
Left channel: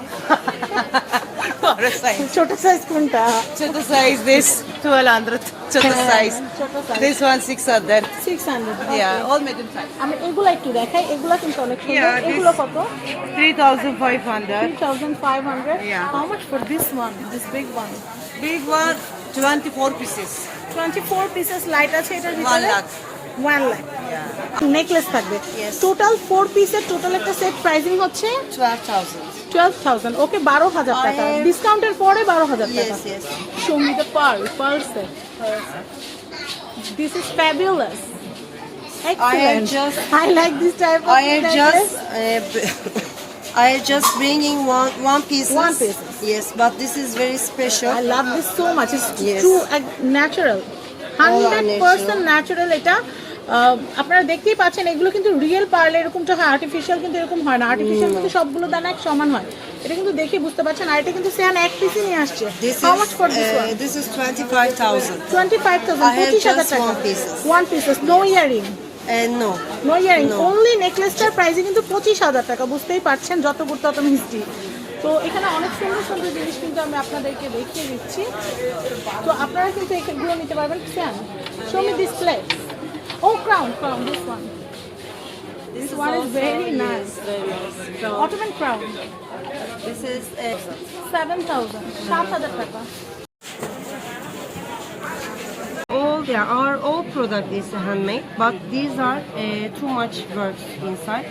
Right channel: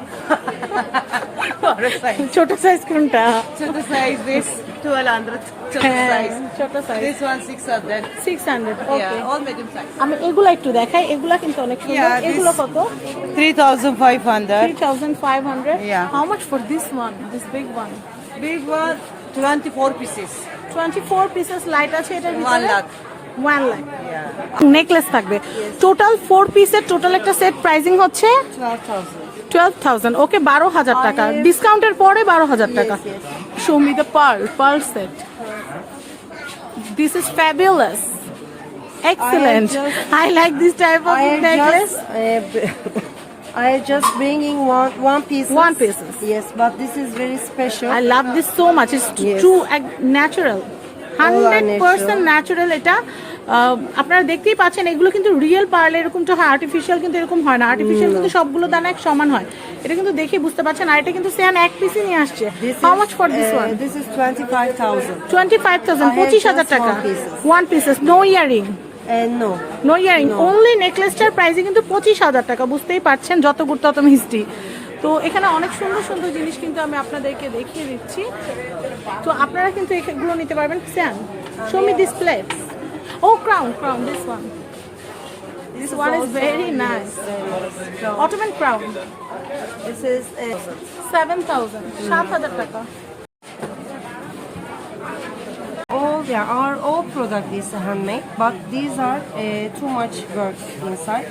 Ball size. ছোট সাইজ কোনটা? Choto size this 1,200. Choto হ্যাঁ, size. ছোট size. This one 600. 600। Okay. Yeah, all medium size. আমি এগুলো একটু দেখাই। এগুলো কিন্তু অনেক সুন্দর। Yeah, this- এগুলো কত? 3,500. 3,500. Yeah. How much for this one? This big one? Big one 24 pieces. 24 pieces light আছে এটার 1 ভিতরে। lakh. 1 লাখ। Yeah. নেকলেস থাকবে। Yes. টোটাল 4 পিসের টোটাল একটা সেট প্রাইসিং হচ্ছে 12,000. 12,000. ওকে, 12,000 টাকা। I- ডিসকাউন্টের পরে 12,000 টাকা। Yes, yes. Show me the pearl set. This is fabulous. Excellent. just- I like this type of I am necklace. I am just bringing one piece. One pieces. Yes, but this is very special. I love this so much. It's Yes. too natural. All are 100% natural এটা। আপনারা দেখতেই পাচ্ছেন এগুলো কিন্তু রিয়েল পার্ল এরকমটা হয়, আর্টিফিশিয়াল কিন্তু এরকম হয় না। আর্টিফিশিয়াল কিন্তু সবগুলো দানা এক সমান হয়। এটা কিন্তু দেখে বুঝতে পারছেন। আর এটা কিন্তু সেম এক পিসই নিয়ে আসছে। This How is much for this one? this is 25,000. 25,000. I have 25,000 just টাকা। one pieces. One pieces. No earring. No. No earring. No. Only নেকলেসটার প্রাইসে কিন্তু 25,000 টাকা। বুঝতেই পারছেন যত গুরুত্ব তত মিষ্টি। তো এখানে অনেক সুন্দর সুন্দর জিনিস কিন্তু আমি আপনাদেরকে দেখিয়ে দিচ্ছি। তো আপনারা কিন্তু এগুলো নিতে পারবেন। Sam, show me this plate. ও Crown, this one. This one is very nice. Ottoman crown. This is 7,000. 7,000 টাকা। all product is handmade, but these are too much work inside.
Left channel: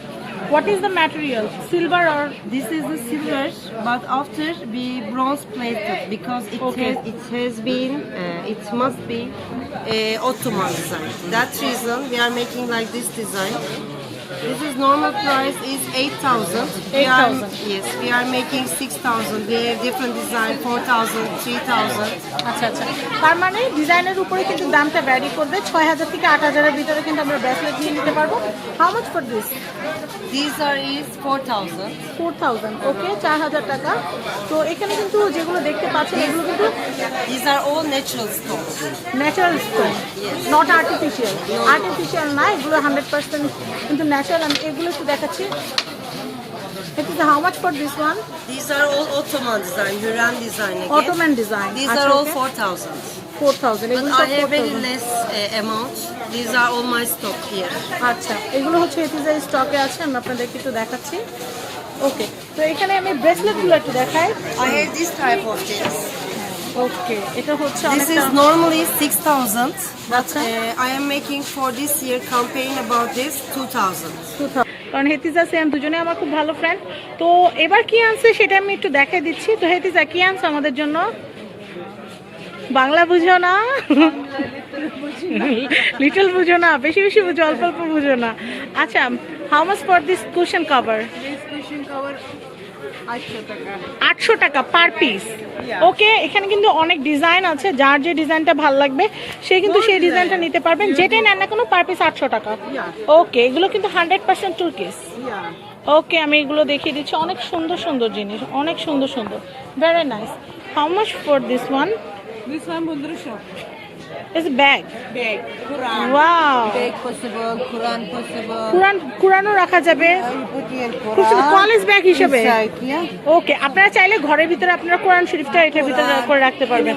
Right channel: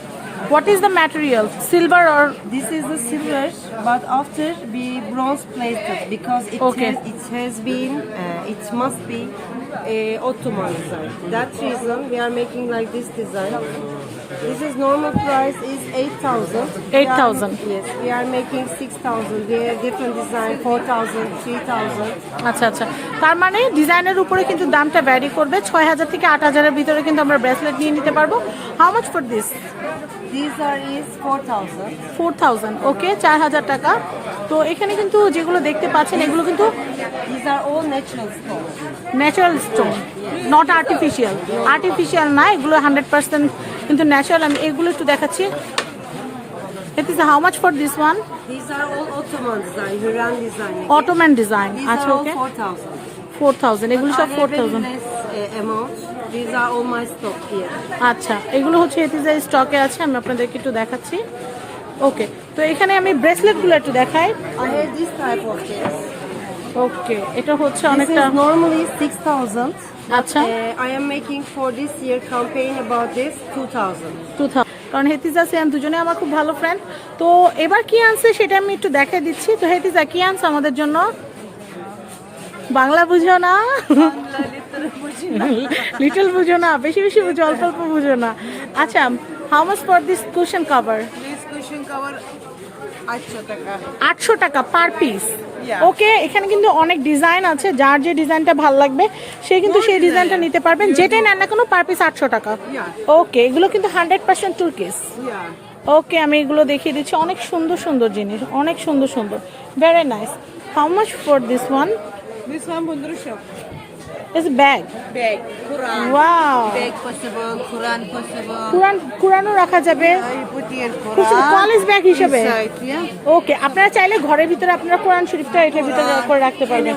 What is the material? Silver or This is the silver, but after be bronze plated because Okay. it has been it must be Ottoman design. That reason we are making like this design. This is normal price is 8,000. 8,000. Yes, we are making 6,000. We have different design 4,000, 3,000. আচ্ছা আচ্ছা, তার মানে ডিজাইনের উপরে কিন্তু দামটা ভ্যারি করবে। 6,000 থেকে 8,000 এর ভিতরে কিন্তু আমরা ব্রেসলেট নিয়ে নিতে পারবো। How much for this? These are is 4,000. 4,000। ওকে, 4,000 টাকা। তো এখানে কিন্তু যেগুলো দেখতে পাচ্ছেন এগুলো কিন্তু These are all natural stones. Natural stone, not artificial. Artificial না, এগুলো 100% কিন্তু ন্যাচারাল। আমি এগুলো একটু দেখাচ্ছি। It is how much for this one? These are all Ottoman design, Hürrem design again. Ottoman design. These আচ্ছা, are all okay. 4,000. 4,000। But এগুলো I সব have very 4,000। less amount. These are all my stock here. আচ্ছা, এগুলো হচ্ছে এপিজের স্টকে আছে। আমি আপনাদেরকে একটু দেখাচ্ছি। ওকে, তো এখানে আমি ব্রেসলেটগুলো একটু দেখাই। I have this type of things. ওকে, এটা হচ্ছে This অনেকটা is normally 6,000, but আচ্ছা। I am making for this year campaign about this 2,000. 2000 কারণ হেতিজা সিয়াম দুজনে আমার খুব ভালো ফ্রেন্ড। তো এবার কি আনছে সেটা আমি একটু দেখাই দিচ্ছি। তো হেতিজা কি আনছে আমাদের জন্য? বাংলা বুঝো না, লিটল বুঝো না, বেশি বেশি বুঝো, অল্প অল্প বুঝো না। আচ্ছা, how much for this cushion cover? 800 টাকা পার পিস। ওকে, এখানে কিন্তু অনেক ডিজাইন আছে, যার যে ডিজাইনটা ভালো লাগবে সে কিন্তু সেই ডিজাইনটা নিতে পারবেন, যেটাই নেন না কোনো পার পিস 800 টাকা। ওকে, এগুলো কিন্তু 100% টুর্কিস। ওকে, আমি এগুলো দেখিয়ে দিচ্ছি, অনেক সুন্দর সুন্দর জিনিস, অনেক সুন্দর সুন্দর, very nice. How much for this one? This one 1500. It's bag. Bag, Quran. Wow, Bag possible, Quran possible. কুরআনও রাখা যাবে You put your খুব সুন্দর, Quran কলেজ ব্যাগ হিসেবে। inside, yeah? ওকে, আপনারা চাইলে ঘরের ভিতরে আপনারা কোরআন শরীফটা এটার ভিতরে করে রাখতে পারবেন।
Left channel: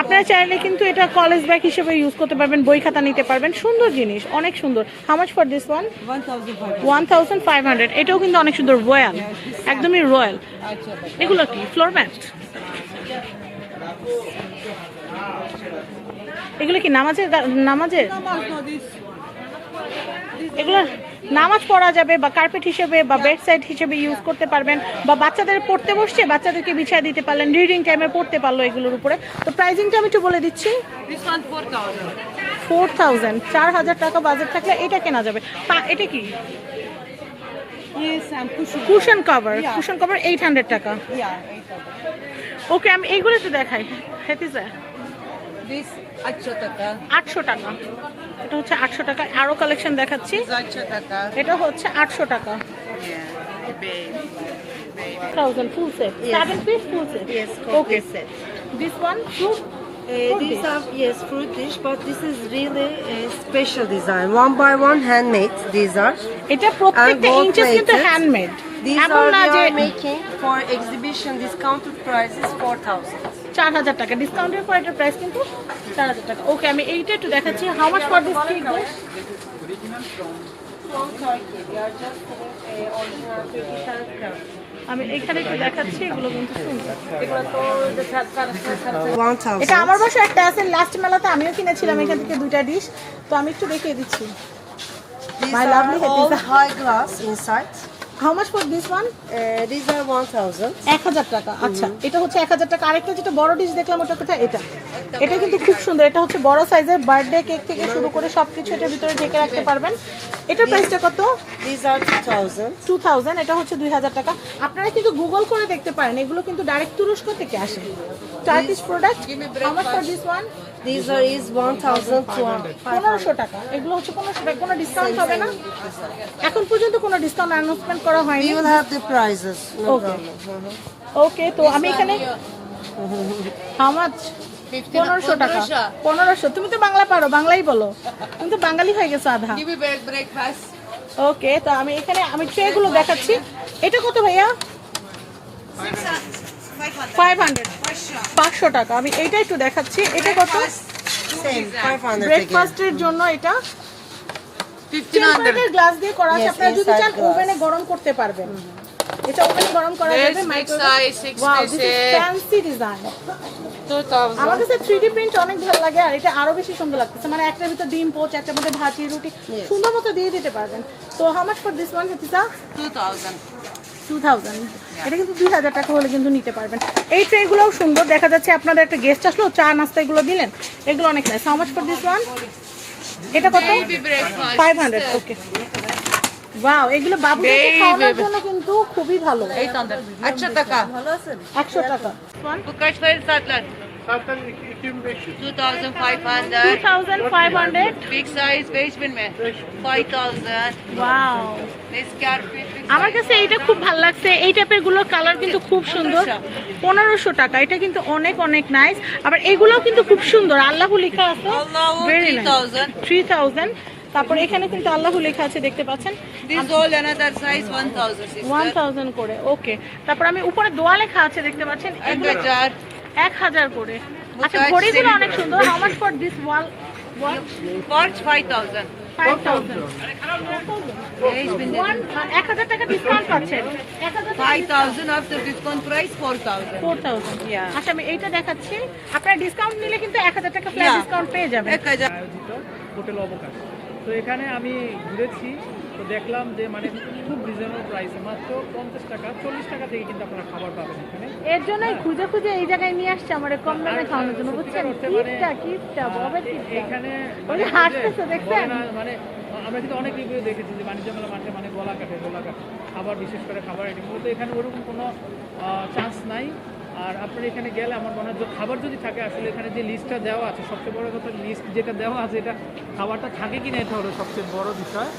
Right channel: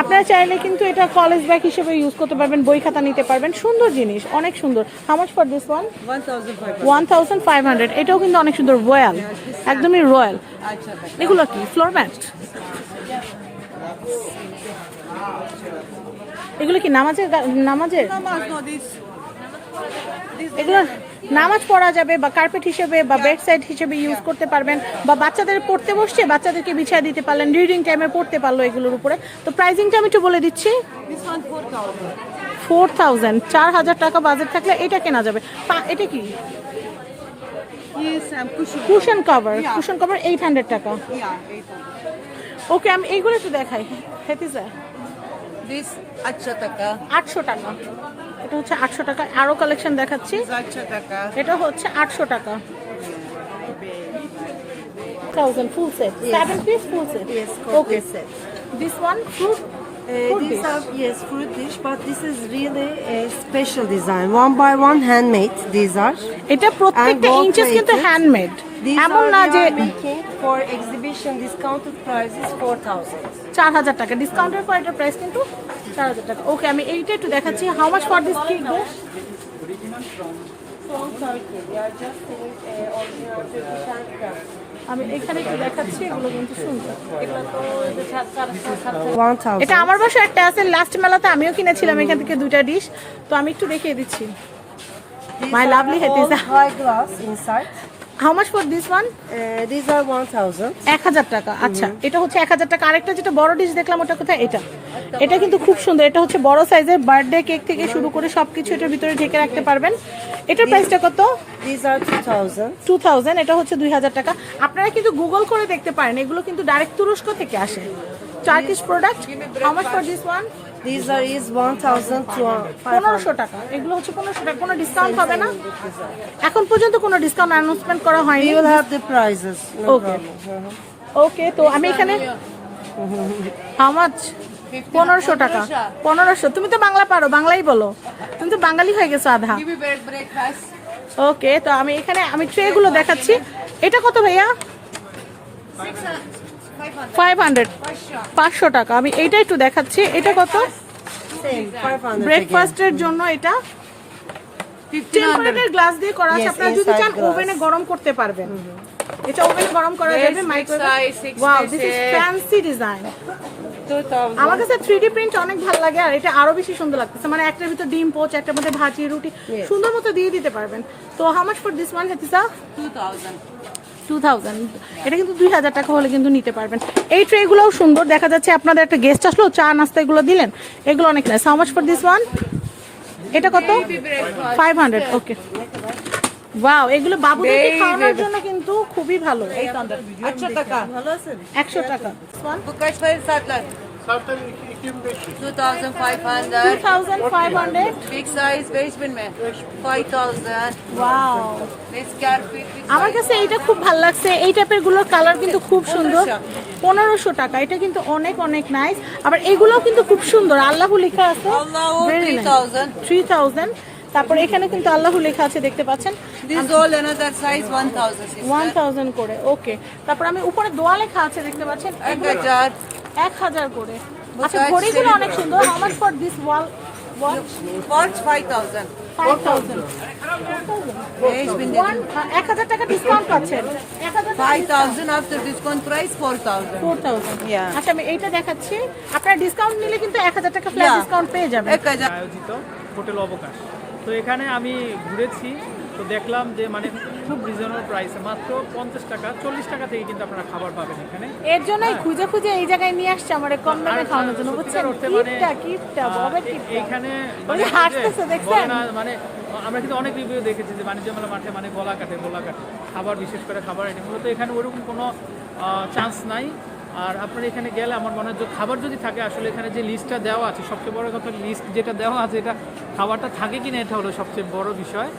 আপনারা চাইলে কিন্তু এটা কলেজ ব্যাগ হিসেবে ইউজ করতে পারবেন, বই খাতা নিতে পারবেন, সুন্দর জিনিস, অনেক সুন্দর। How much for this one? 1500। এটাও কিন্তু অনেক সুন্দর, রয়্যাল, একদমই রয়্যাল। এগুলো কি ফ্লোর ম্যাট? এগুলো কি নামাজের নামাজের এগুলো নামাজ পড়া যাবে, বা কার্পেট হিসেবে বা বেড সাইড হিসেবে ইউজ করতে পারবেন, বা বাচ্চাদের পড়তে বসছে বাচ্চাদেরকে বিছিয়ে দিতে পারলেন, রিডিং টাইমে পড়তে পারলো এগুলোর উপরে। তো প্রাইসিংটা আমি একটু বলে দিচ্ছি। This one 4,000. 4000, 4000 টাকা বাজেট থাকলে এটা কেনা যাবে। এটা কি? Yes, I'm cushion. Cushion cover. Cushion cover 800 টাকা। Yeah, 800. ওকে, আমি এইগুলো একটু দেখাই। হেতিজা, This 800 taka. 800 টাকা। এটা হচ্ছে 800 টাকা। আরো কালেকশন দেখাচ্ছি। 800 taka. এটা হচ্ছে 800 টাকা। Yeah, bag. 1000 full set, 7 piece full set. Yes, okay, set. This one fruit These dish. are, yes, fruit dish, but this is really a special design. One by one handmade, these are. এটা প্রত্যেকটা gold ইঞ্চেস কিন্তু plated. হ্যান্ডমেড। These এমন are না we যে are making for exhibition discounted price is 4,000. 4000 টাকা ডিসকাউন্টের পর এটার প্রাইস কিন্তু 4000 টাকা। ওকে, আমি এইটা একটু দেখাচ্ছি। How much for this cake? From Turkey, we are just doing original Turkish handcraft. আমি এখানে একটু দেখাচ্ছি, এগুলো কিন্তু সুন্দর। 1,000. এটা আমার বাসায় একটা আছে, লাস্ট মেলাতে আমিও কিনেছিলাম এখান থেকে দুইটা ডিশ। তো আমি একটু দেখিয়ে দিচ্ছি। These My are lovely all Hadiza. high glass inside. How much for this one? These are 1,000. 1000 টাকা। আচ্ছা, এটা হচ্ছে 1000 টাকা। আরেকটা যেটা বড় ডিশ দেখলাম ওটা কোথায়? এটা এটা কিন্তু খুব সুন্দর। এটা হচ্ছে বড় সাইজের, বার্থডে কেক থেকে শুরু করে সবকিছু এটার ভিতরে ঢেকে রাখতে পারবেন। এটার প্রাইসটা কত? These are 2,000. 2000। এটা হচ্ছে 2000 টাকা। আপনারা কিন্তু গুগল করে দেখতে পারেন, এগুলো কিন্তু ডাইরেক্ট তুরস্ক থেকে আসে। Turkish product. How much for this one? These are is 1,200. 1500 টাকা। এগুলো হচ্ছে 1500 টাকা। কোনো ডিসকাউন্ট হবে না? এখন পর্যন্ত কোনো ডিসকাউন্ট অ্যানাউন্সমেন্ট করা হয়নি। We will have the prices. No Okay. problem. ওকে, তো আমি এখানে হাউ মাচ? 1500 টাকা। 1500। তুমি তো বাংলা পারো, বাংলাই বলো। তুমি তো বাঙালি হয়ে গেছো আধা। Give me breakfast. ওকে, তো আমি এখানে আমি ট্রে গুলো দেখাচ্ছি। এটা কত ভাইয়া? 500। 500 টাকা। আমি এইটা একটু দেখাচ্ছি। এটা কত? Same, 500 again. ব্রেকফাস্টের জন্য এটা টেম্পারেচার গ্লাস দিয়ে করা আছে। Yes, আপনারা যদি inside চান glass. ওভেনে গরম করতে পারবেন। এটা ওভেনে গরম করা Yes, যাবে, big microwave. size, 6 wow, this is pieces. Fancy design. 2,000. আমার কাছে 3D প্রিন্ট অনেক ভালো লাগে, আর এটা আরো বেশি সুন্দর লাগতেছে। মানে একটার ভিতর ডিম পোচ, একটার মধ্যে ভাজি রুটি সুন্দর মতো দিয়ে দিতে পারবেন। তো how much for this one হেতিসা? 2,000. 2000। এটা কিন্তু 2000 টাকা হলে কিন্তু নিতে পারবেন। এই ট্রেগুলোও সুন্দর। দেখা যাচ্ছে আপনাদের একটা গেস্ট আসলো, চা নাস্তা এগুলো দিলেন, এগুলো অনেক nice. How much for this one? এটা কত? 500। ওকে, ওয়াও, এগুলো বাবুদেরকে খাওয়ানোর জন্য কিন্তু খুবই ভালো। 800 taka. 100 টাকা। Bu kaç para satlar? 2,500. 2500। Big size 5,000 में 5,000. Wow, This carpet. আমার কাছে এইটা খুব ভালো লাগছে। এই টাইপের গুলোর কালার কিন্তু খুব সুন্দর। 1500 টাকা। এটা কিন্তু অনেক অনেক নাইস। আবার এগুলোও কিন্তু খুব সুন্দর, আল্লাহু লেখা আছে। Allahu Very nice। 3,000. 3000। তারপর এখানে কিন্তু আল্লাহু লেখা আছে, দেখতে পাচ্ছেন। This all another size 1,000. 1000 করে। ওকে, তারপর আমি উপরে দোয়া লেখা আছে, দেখতে পাচ্ছেন। এগুলো 1,000. 1000 করে। আচ্ছা, ঘড়িগুলো অনেক সুন্দর। How much for this wall watch? Watch 5,000. 5000। Ich bin der 1000 টাকা ডিসকাউন্ট পাচ্ছেন 1000 5000 after discount price 4000. 4000 Yeah. আচ্ছা আমি এইটা দেখাচ্ছি আপনারা ডিসকাউন্ট নিলে কিন্তু 1000 টাকা ফ্ল্যাট Yeah. ডিসকাউন্ট পেয়ে যাবেন 1000. আয়োজিত হোটেল অবকাশ। তো এখানে আমি ঘুরেছি, তো দেখলাম যে মানে খুব রিজনেবল প্রাইসে মাত্র 50 টাকা 40 টাকা থেকে কিন্তু আপনারা খাবার পাবেন এখানে। এর জন্যই খুঁজে খুঁজে এই জায়গায় নিয়ে আসছে আমার কম দামে খাওয়ানোর জন্য বুঝছেন কিপটা ববের কিপটা এখানে ওই যে হাসতেছে দেখছেন বলে না, মানে আমরা কিন্তু অনেক রিভিউ দেখেছি যে বাণিজ্য মেলা মাঠে মানে গলা কাটে খাবার, বিশেষ করে খাবার আইটেমগুলো, তো এখানে ওরকম কোনো চান্স নাই। আর আপনার এখানে গেলে আমার মনে হয় যে খাবার যদি থাকে, আসলে এখানে যে লিস্টটা দেওয়া আছে, সবচেয়ে বড় কথা লিস্ট যেটা দেওয়া আছে এটা খাবারটা থাকে কি না এটা হলো সবচেয়ে বড় বিষয়।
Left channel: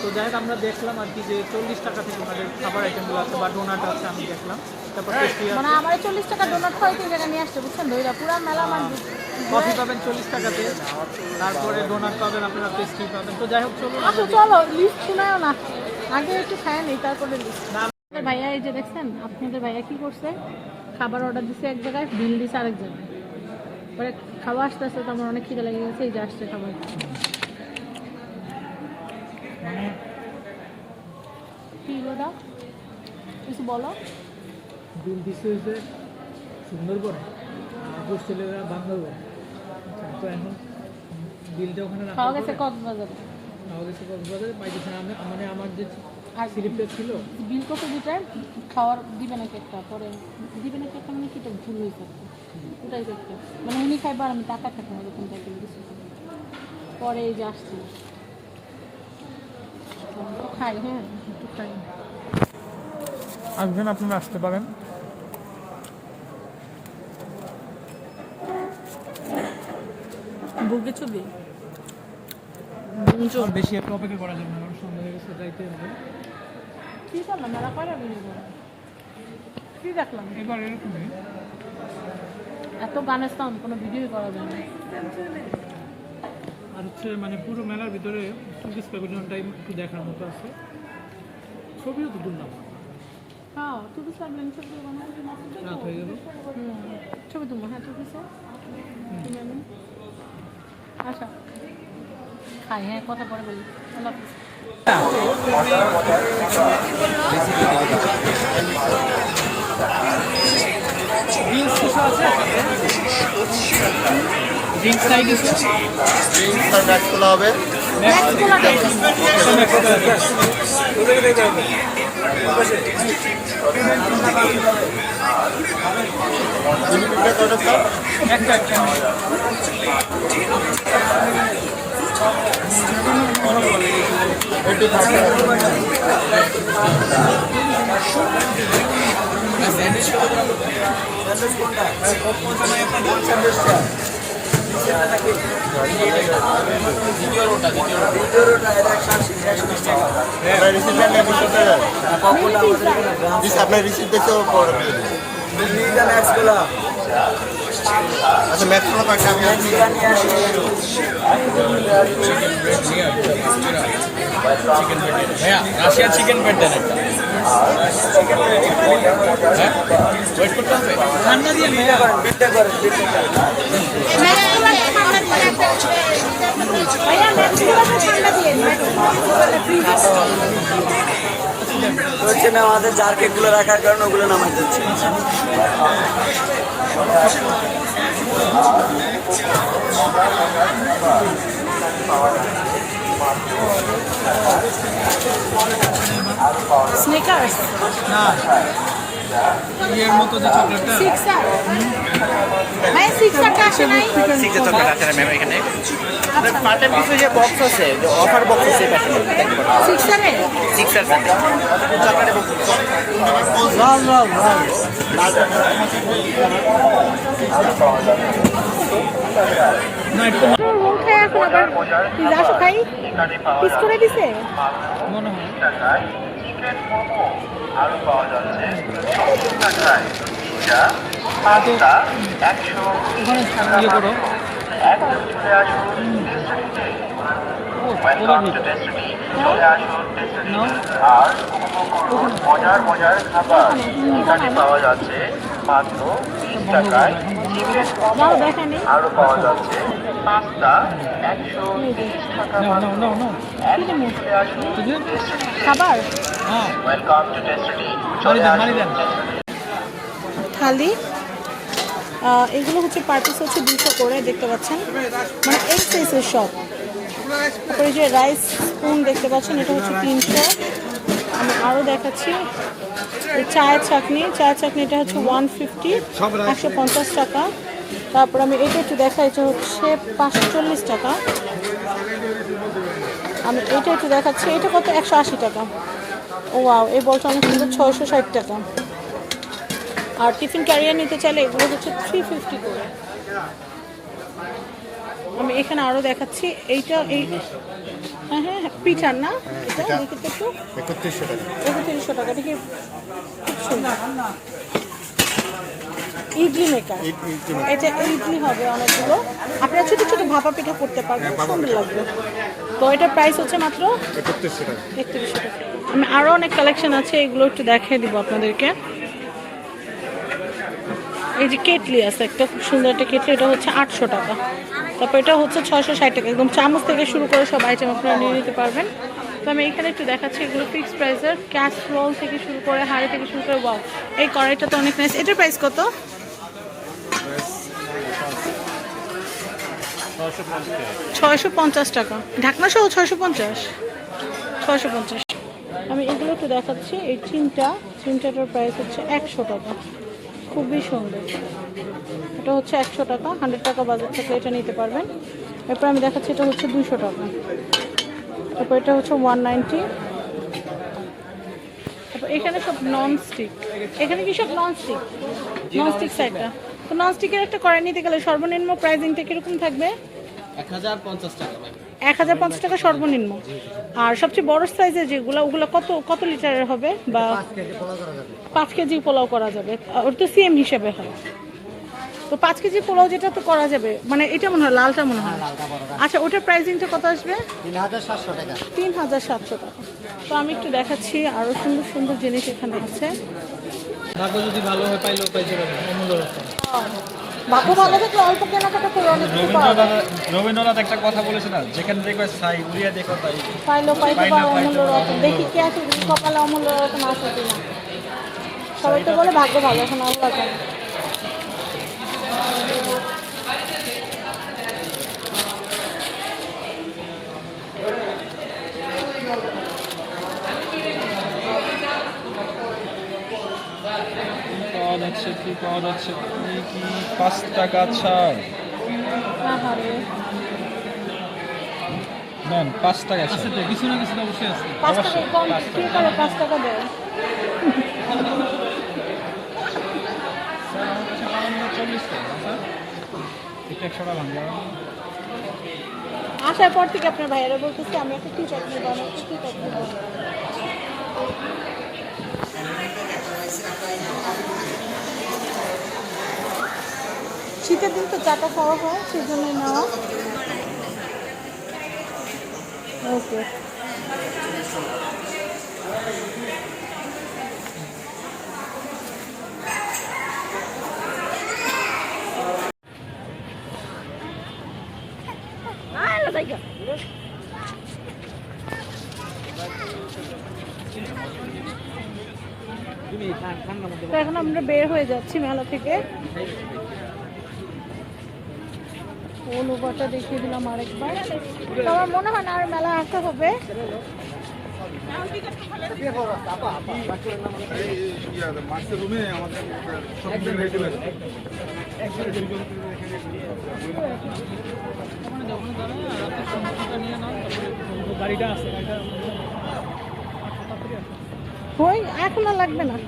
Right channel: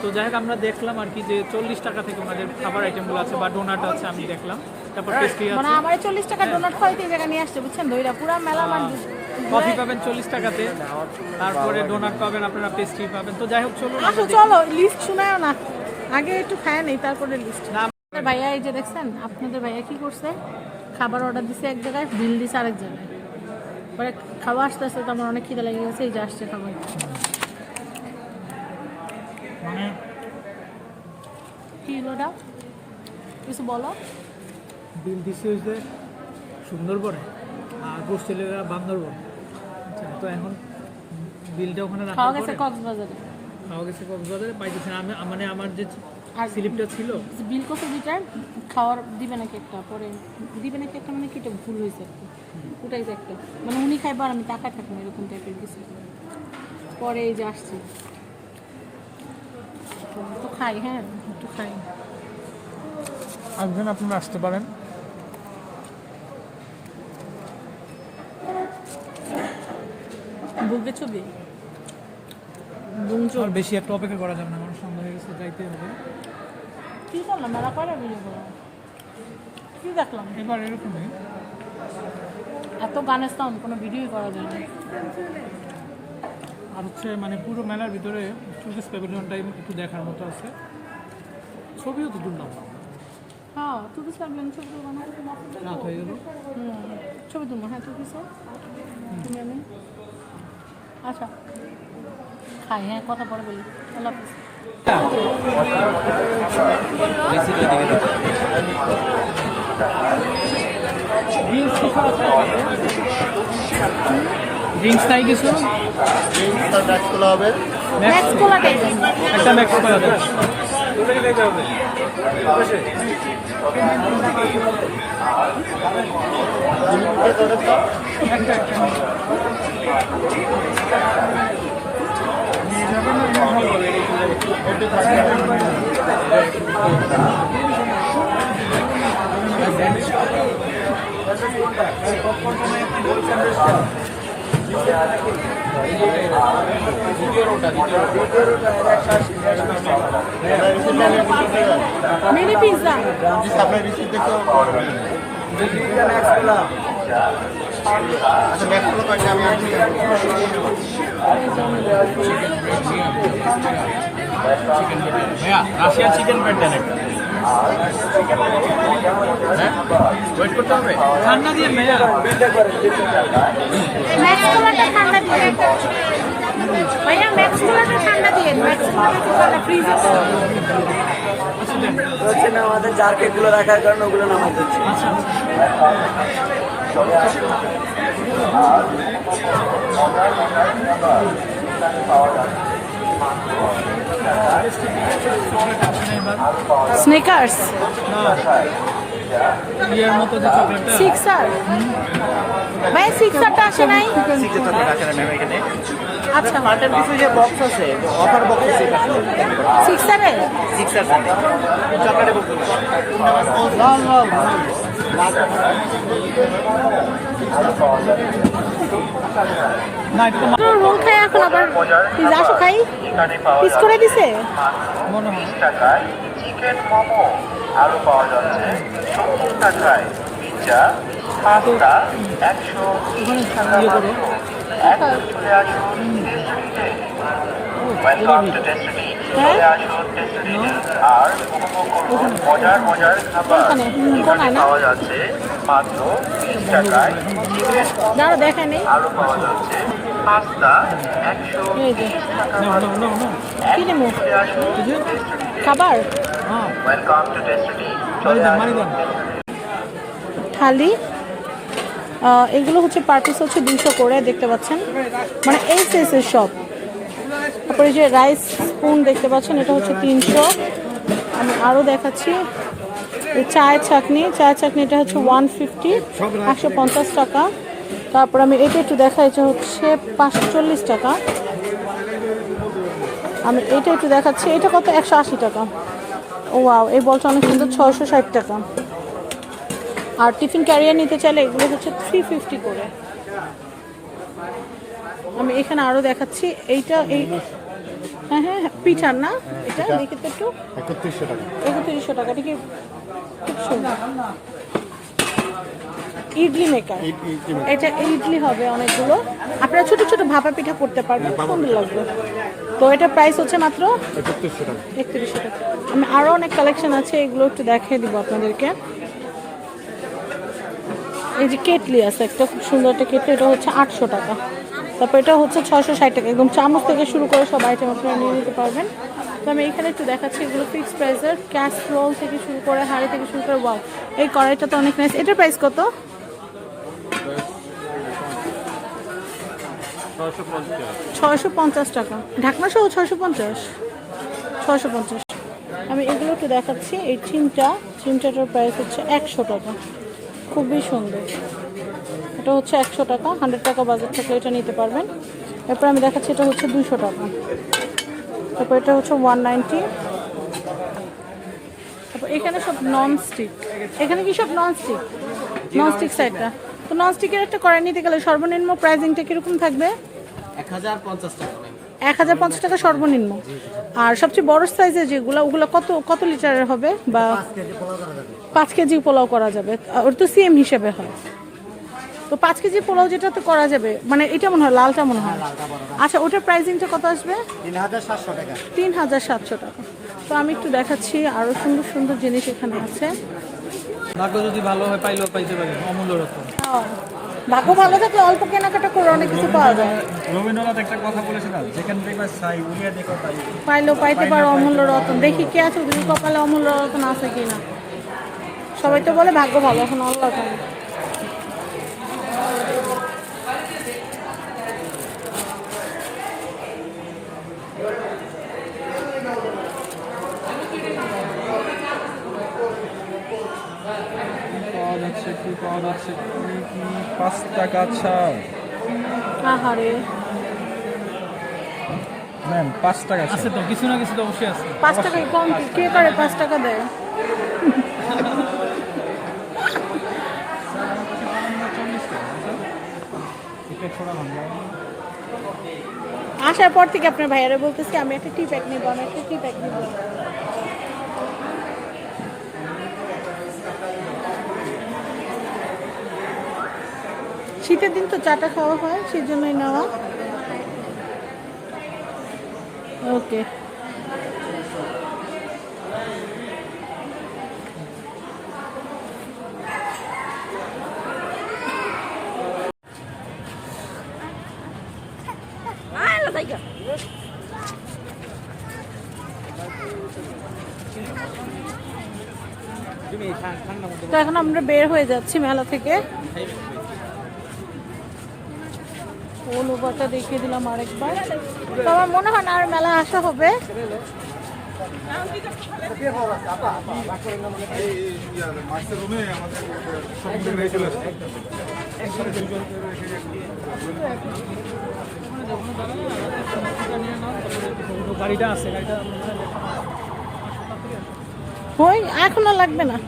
তো যাই হোক আমরা দেখলাম আর কি যে 40 টাকা থেকে আমাদের খাবার আইটেমগুলো আছে বা ডোনাট আছে আমি দেখলাম, তারপর টেস্টি মানে আছে, আমার 40 টাকা ডোনাট খাওয়াইতে এই জায়গায় নিয়ে আসছে বুঝছেন দইরা পুরা মেলা মানে কফি পাবেন 40 টাকাতে, তারপরে ডোনাট পাবেন, আপনারা পেস্ট্রি পাবেন। তো যাই হোক চলুন আসো চলো লিস্ট শোনাও না আগে একটু খায় নেই তারপরে লিস্ট ভাইয়া এই যে দেখছেন আপনাদের ভাইয়া কি করছে খাবার অর্ডার দিছে এক জায়গায় বিল দিছে আরেক জায়গায় পরে খাওয়া আসতে আসতে তো আমার অনেক খিদে লেগে গেছে এই যে আসছে খাবার মানে কি হলো দাও কিছু বলো বিল দিচ্ছে যে সুন্দরবন আর গোষ্ঠীরা বান্দরবন। আচ্ছা, তো এখন বিলটা ওখানে রাখার খাওয়া গেছে পরে কক্সবাজারে খাওয়া গেছে কক্সবাজারে পাইতেছে না, আমি মানে আমার যে আর স্লিপটা ছিল বিল কত দিটার খাওয়ার দিবে নাকি একটা পরে দিবে নাকি একটা মানে কি এটা ভুল হয়েছে আর কি ওটাই তো একটা মানে উনি খাইবার আর আমি টাকা থাকবো এরকম টাইপের কিছু পরে এই যে আসছে তো খাই হ্যাঁ একটু খাই আসবেন, আপনারা আসতে পারেন। বুকে ছবি বেশি একটা অপেক্ষা করা যাবে না, আমার সন্ধ্যা হয়ে গেছে, যাইতে হবে। কি করলাম মেলা কয়টা ভিডিও করলাম কি দেখলাম এবার এরকমই এত গানের সাউন্ড কোনো ভিডিওই করা যায় না আর হচ্ছে মানে পুরো মেলার ভিতরে টুরিস্ট প্যাভিলিয়নটা একটু দেখার মতো আছে, ছবিও তো তুললাম, হ্যাঁ তুই সামলাম ছবি তুলবো না রাত হয়ে গেল। ছবি তুলবো হ্যাঁ তুই কিসে তুমি আমি আচ্ছা খাই হ্যাঁ কথা পরে বলি আল্লাহ হাফিজ ড্রিঙ্কস খাই গেছে ড্রিঙ্কস আর ম্যাক্স খোলা হবে। নেক্সট কোলা মিনি পিজ্জা আপনার রিসিপ্ট দেখেও আচ্ছা ম্যাক্স খোলা কয়েকটা আমি রাশিয়ান চিকেন প্যাট দেন একটা। ওয়েট করতে হবে। ঠান্ডা দিয়ে ম্যাক্স কোলাটা ঠান্ডা দিয়ে ভাইয়া ম্যাক্স কোলাটা ঠান্ডা দিয়ে ম্যাক্স কোলাটা ফ্রিজে হচ্ছে না আমাদের জার কেকগুলো রাখার কারণে ওগুলো নামাই দিচ্ছে। স্নেকার্স না ইয়ের মতো যে চকলেটটা সিক্সার ভাই সিক্সারটা আসে নাই সিক্সের চকলেট আছে না ম্যাম এখানে? আচ্ছা পার্টের কিছু যে বক্স আছে, যে অফার বক্স আছে এটা কিনে দেখতে পারেন। সিক্সারে সিক্সার জানে চকলেটের বক্স। না একটু রোল খাই এখন আবার পিজা আসো খাই পিস করে দিছে মনে হয় তো ওখানে ইয়ে করো নাও ওখানে ওখানে বন্ধ করো না, এখন বন্ধ করো। যারা দেখেনি এই যে No, no, no, no. কি নেবো Did you? খাবার Ah. মারি দেন থালি এগুলো হচ্ছে পার পিস হচ্ছে 200 করে দেখতে পাচ্ছেন, মানে এই সাইজের সব। তারপরে যে রাইস স্পুন দেখতে পাচ্ছেন, এটা হচ্ছে 300। আমি আরও দেখাচ্ছি এই চায়ের চাটনি এটা হচ্ছে 150, 150 টাকা। তারপর আমি এটা একটু দেখাই, এটা হচ্ছে 540 টাকা। আমি এটা একটু দেখাচ্ছি, এটা কত 180 টাকা। ও ওয়াও, এই বলটা অনেক সুন্দর, 660 টাকা। আর টিফিন ক্যারিয়ার নিতে চাইলে এগুলো হচ্ছে 350 করে। আমি এখানে আরও দেখাচ্ছি, এইটা এই হ্যাঁ হ্যাঁ পিঠার না, এটা দেখে তো একটু 3100 টাকা। এটা কি খুব সুন্দর ইডলি মেকার, এটা ইডলি হবে অনেকগুলো। আপনারা ছোট ছোট ভাপা পিঠা করতে পারবেন, সুন্দর লাগবে। তো এটার প্রাইস হচ্ছে মাত্র 3100 টাকা। আমি আরও অনেক কালেকশন আছে, এগুলো একটু দেখিয়ে দিব আপনাদেরকে। এই যে কেটলি আছে একটা, খুব সুন্দর একটা কেটলি, এটা হচ্ছে 800 টাকা। তারপর এটা হচ্ছে 660 টাকা। একদম চামচ থেকে শুরু করে সব আইটেম আপনারা নিয়ে নিতে পারবেন। তো আমি এখানে একটু দেখাচ্ছি, এগুলো ফিক্স প্রাইসের, ক্যাসরোল থেকে শুরু করে হাঁড়ি থেকে শুরু করে। ওয়াও, এই কড়াইটা তো অনেক নাইস। এটার প্রাইস কত? 650 টাকা। ঢাকনা সহ 650। আমি এগুলো একটু দেখাচ্ছি, এই চিমটাটার প্রাইস হচ্ছে 100 টাকা। খুবই সুন্দর, এটা হচ্ছে 100 টাকা। 100 টাকা বাজার থেকে এটা নিতে পারবেন। তারপর আমি দেখাচ্ছি, এটা হচ্ছে 200 টাকা। তারপর এটা হচ্ছে 190। তারপর এখানে সব ননস্টিক, এখানে কি সব ননস্টিক সাইডটা। তো ননস্টিকের একটা কড়াই নিতে গেলে সর্বনিম্ন প্রাইসিংটা কিরকম থাকবে? 1050 টাকা। 1050 টাকা সর্বনিম্ন। আর সবচেয়ে বড় সাইজের যেগুলো, ওগুলো কত লিটারের হবে? বা 5 কেজি পোলাও করা যাবে, ওটা তো সিএম হিসেবে হয়। তো 5 কেজি পোলাও যেটা তো করা যাবে, মানে এটা মনে হয় লালটা মনে হয়। আচ্ছা, ওটার প্রাইসিংটা কত আসবে? 3700 টাকা। 3700 টাকা। তো আমি একটু দেখাচ্ছি, আরো সুন্দর সুন্দর জিনিস এখানে আছে। ভাগ্য যদি ভালো হয় পাইলেও পাইতে পারি, অমূল্য রকম। ভাগ্য ভালো থাকলে অল্প কেনাকাটা করে অনেক কিছু পাওয়া যায়। রবীন্দ্রনাথ একটা কথা বলেছে না, যেখানে দেখবে সাই উড়িয়া দেখো তাই। পাইলেও পাইতে পারো অমূল্য রকম। দেখি কে আছে, কপালে অমূল্য রকম আছে কিনা। সবাই তো বলে ভাগ্য ভালো, এখন আল্লাহ জানে। পাওয়া যাচ্ছে কি 5 টাকা ছাড় আহারে, ম্যাম, 5 টাকা আছে তো, কিছু না কিছু তো অবশ্যই আছে। 5 টাকা কম কে করে 5 টাকা দেয়? স্যার আমার কাছে 40 টাকা স্যার, এটা 100 টাকা ভাঙা। আসার পর থেকে আপনার ভাইয়ারা বলতেছে আমি একটা টি প্যাক নেবো, আমি একটা টি প্যাক নেবো। শীতের দিন তো চাটা খাওয়া হয়, সেই জন্যই নেওয়া। ওকে, তো এখন আমরা বের হয়ে যাচ্ছি মেলা থেকে। ওভারটা দেখিয়ে দিলাম আরেকবার। তো আমার মনে হয় না আর মেলা আসা হবে। গাড়িটা আছে, গাড়িটা ওই এখন আর লাগবে না।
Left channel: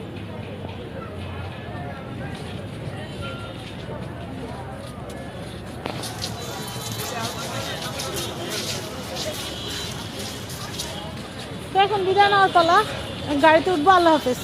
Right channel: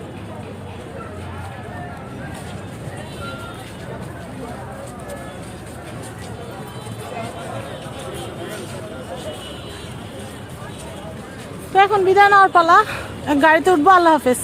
তো এখন বিদায় নেওয়ার পালা, গাড়িতে উঠবো। আল্লাহ হাফেজ।